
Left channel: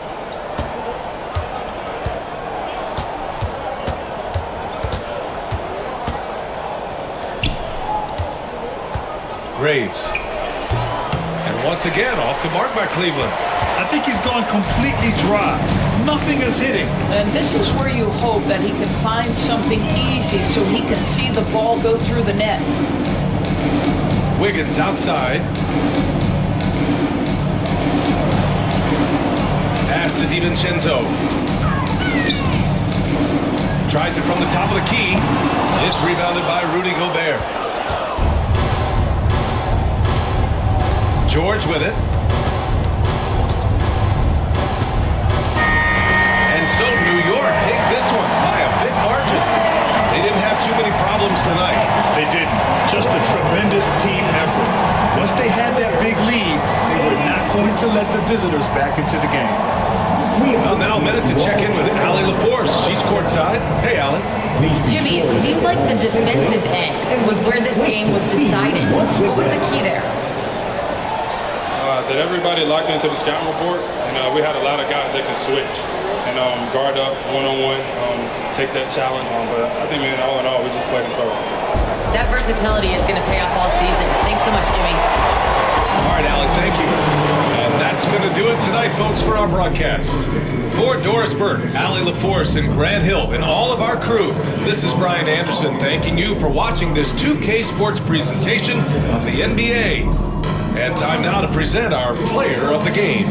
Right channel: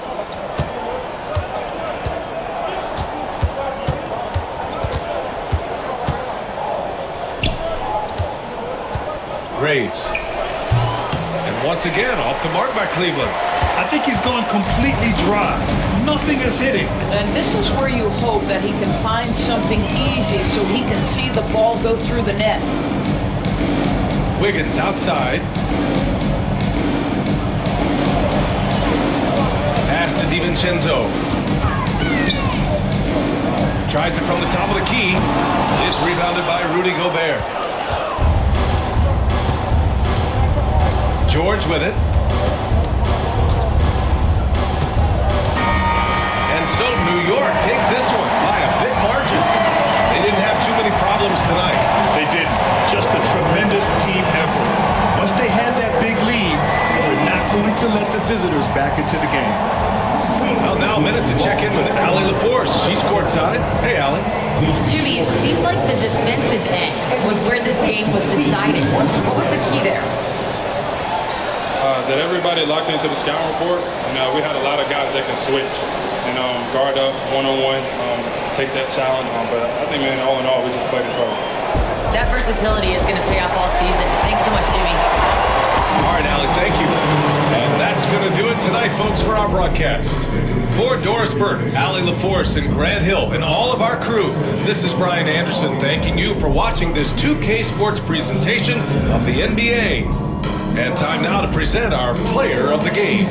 Graves. And once again, off the mark by Cleveland. I think he's gone completely dry. Nothing is hitting. And this is where you hope that he can find something easy so he can see the ball go through the net. Wiggins outside. Pass to DiVincenzo. Tries it from the top of the key. It's rebounded by Rudy Gobert. George with it. And so New York takes this one by a big margin. They didn't have too many problems tonight. They didn't. Just a tremendous team effort. Once they had that big lead, they were not going to let the visitors back into the game. Well, now a minute to check in with Allie LaForce. She's courtside. Hey, Allie. Jimmy, it seemed like the defensive end was where this game was decided. What was the key there? That everybody locked into the scouting report, and we had a lot of guys that can switch and guard up one-on-one, take that challenge. But I think, man, all in all, we just played incredible. That versatility is going to pay off all season. Thanks so much, Jimmy. All right, Allie, thank you. And that's going to do it tonight, folks, for our broadcast. For Doris Burke, Allie LaForce, and Grant Hill, and all of our crew, this is Brian Anderson thanking you for watching this 2K Sports presentation of the NBA. And time now to present our player of the game.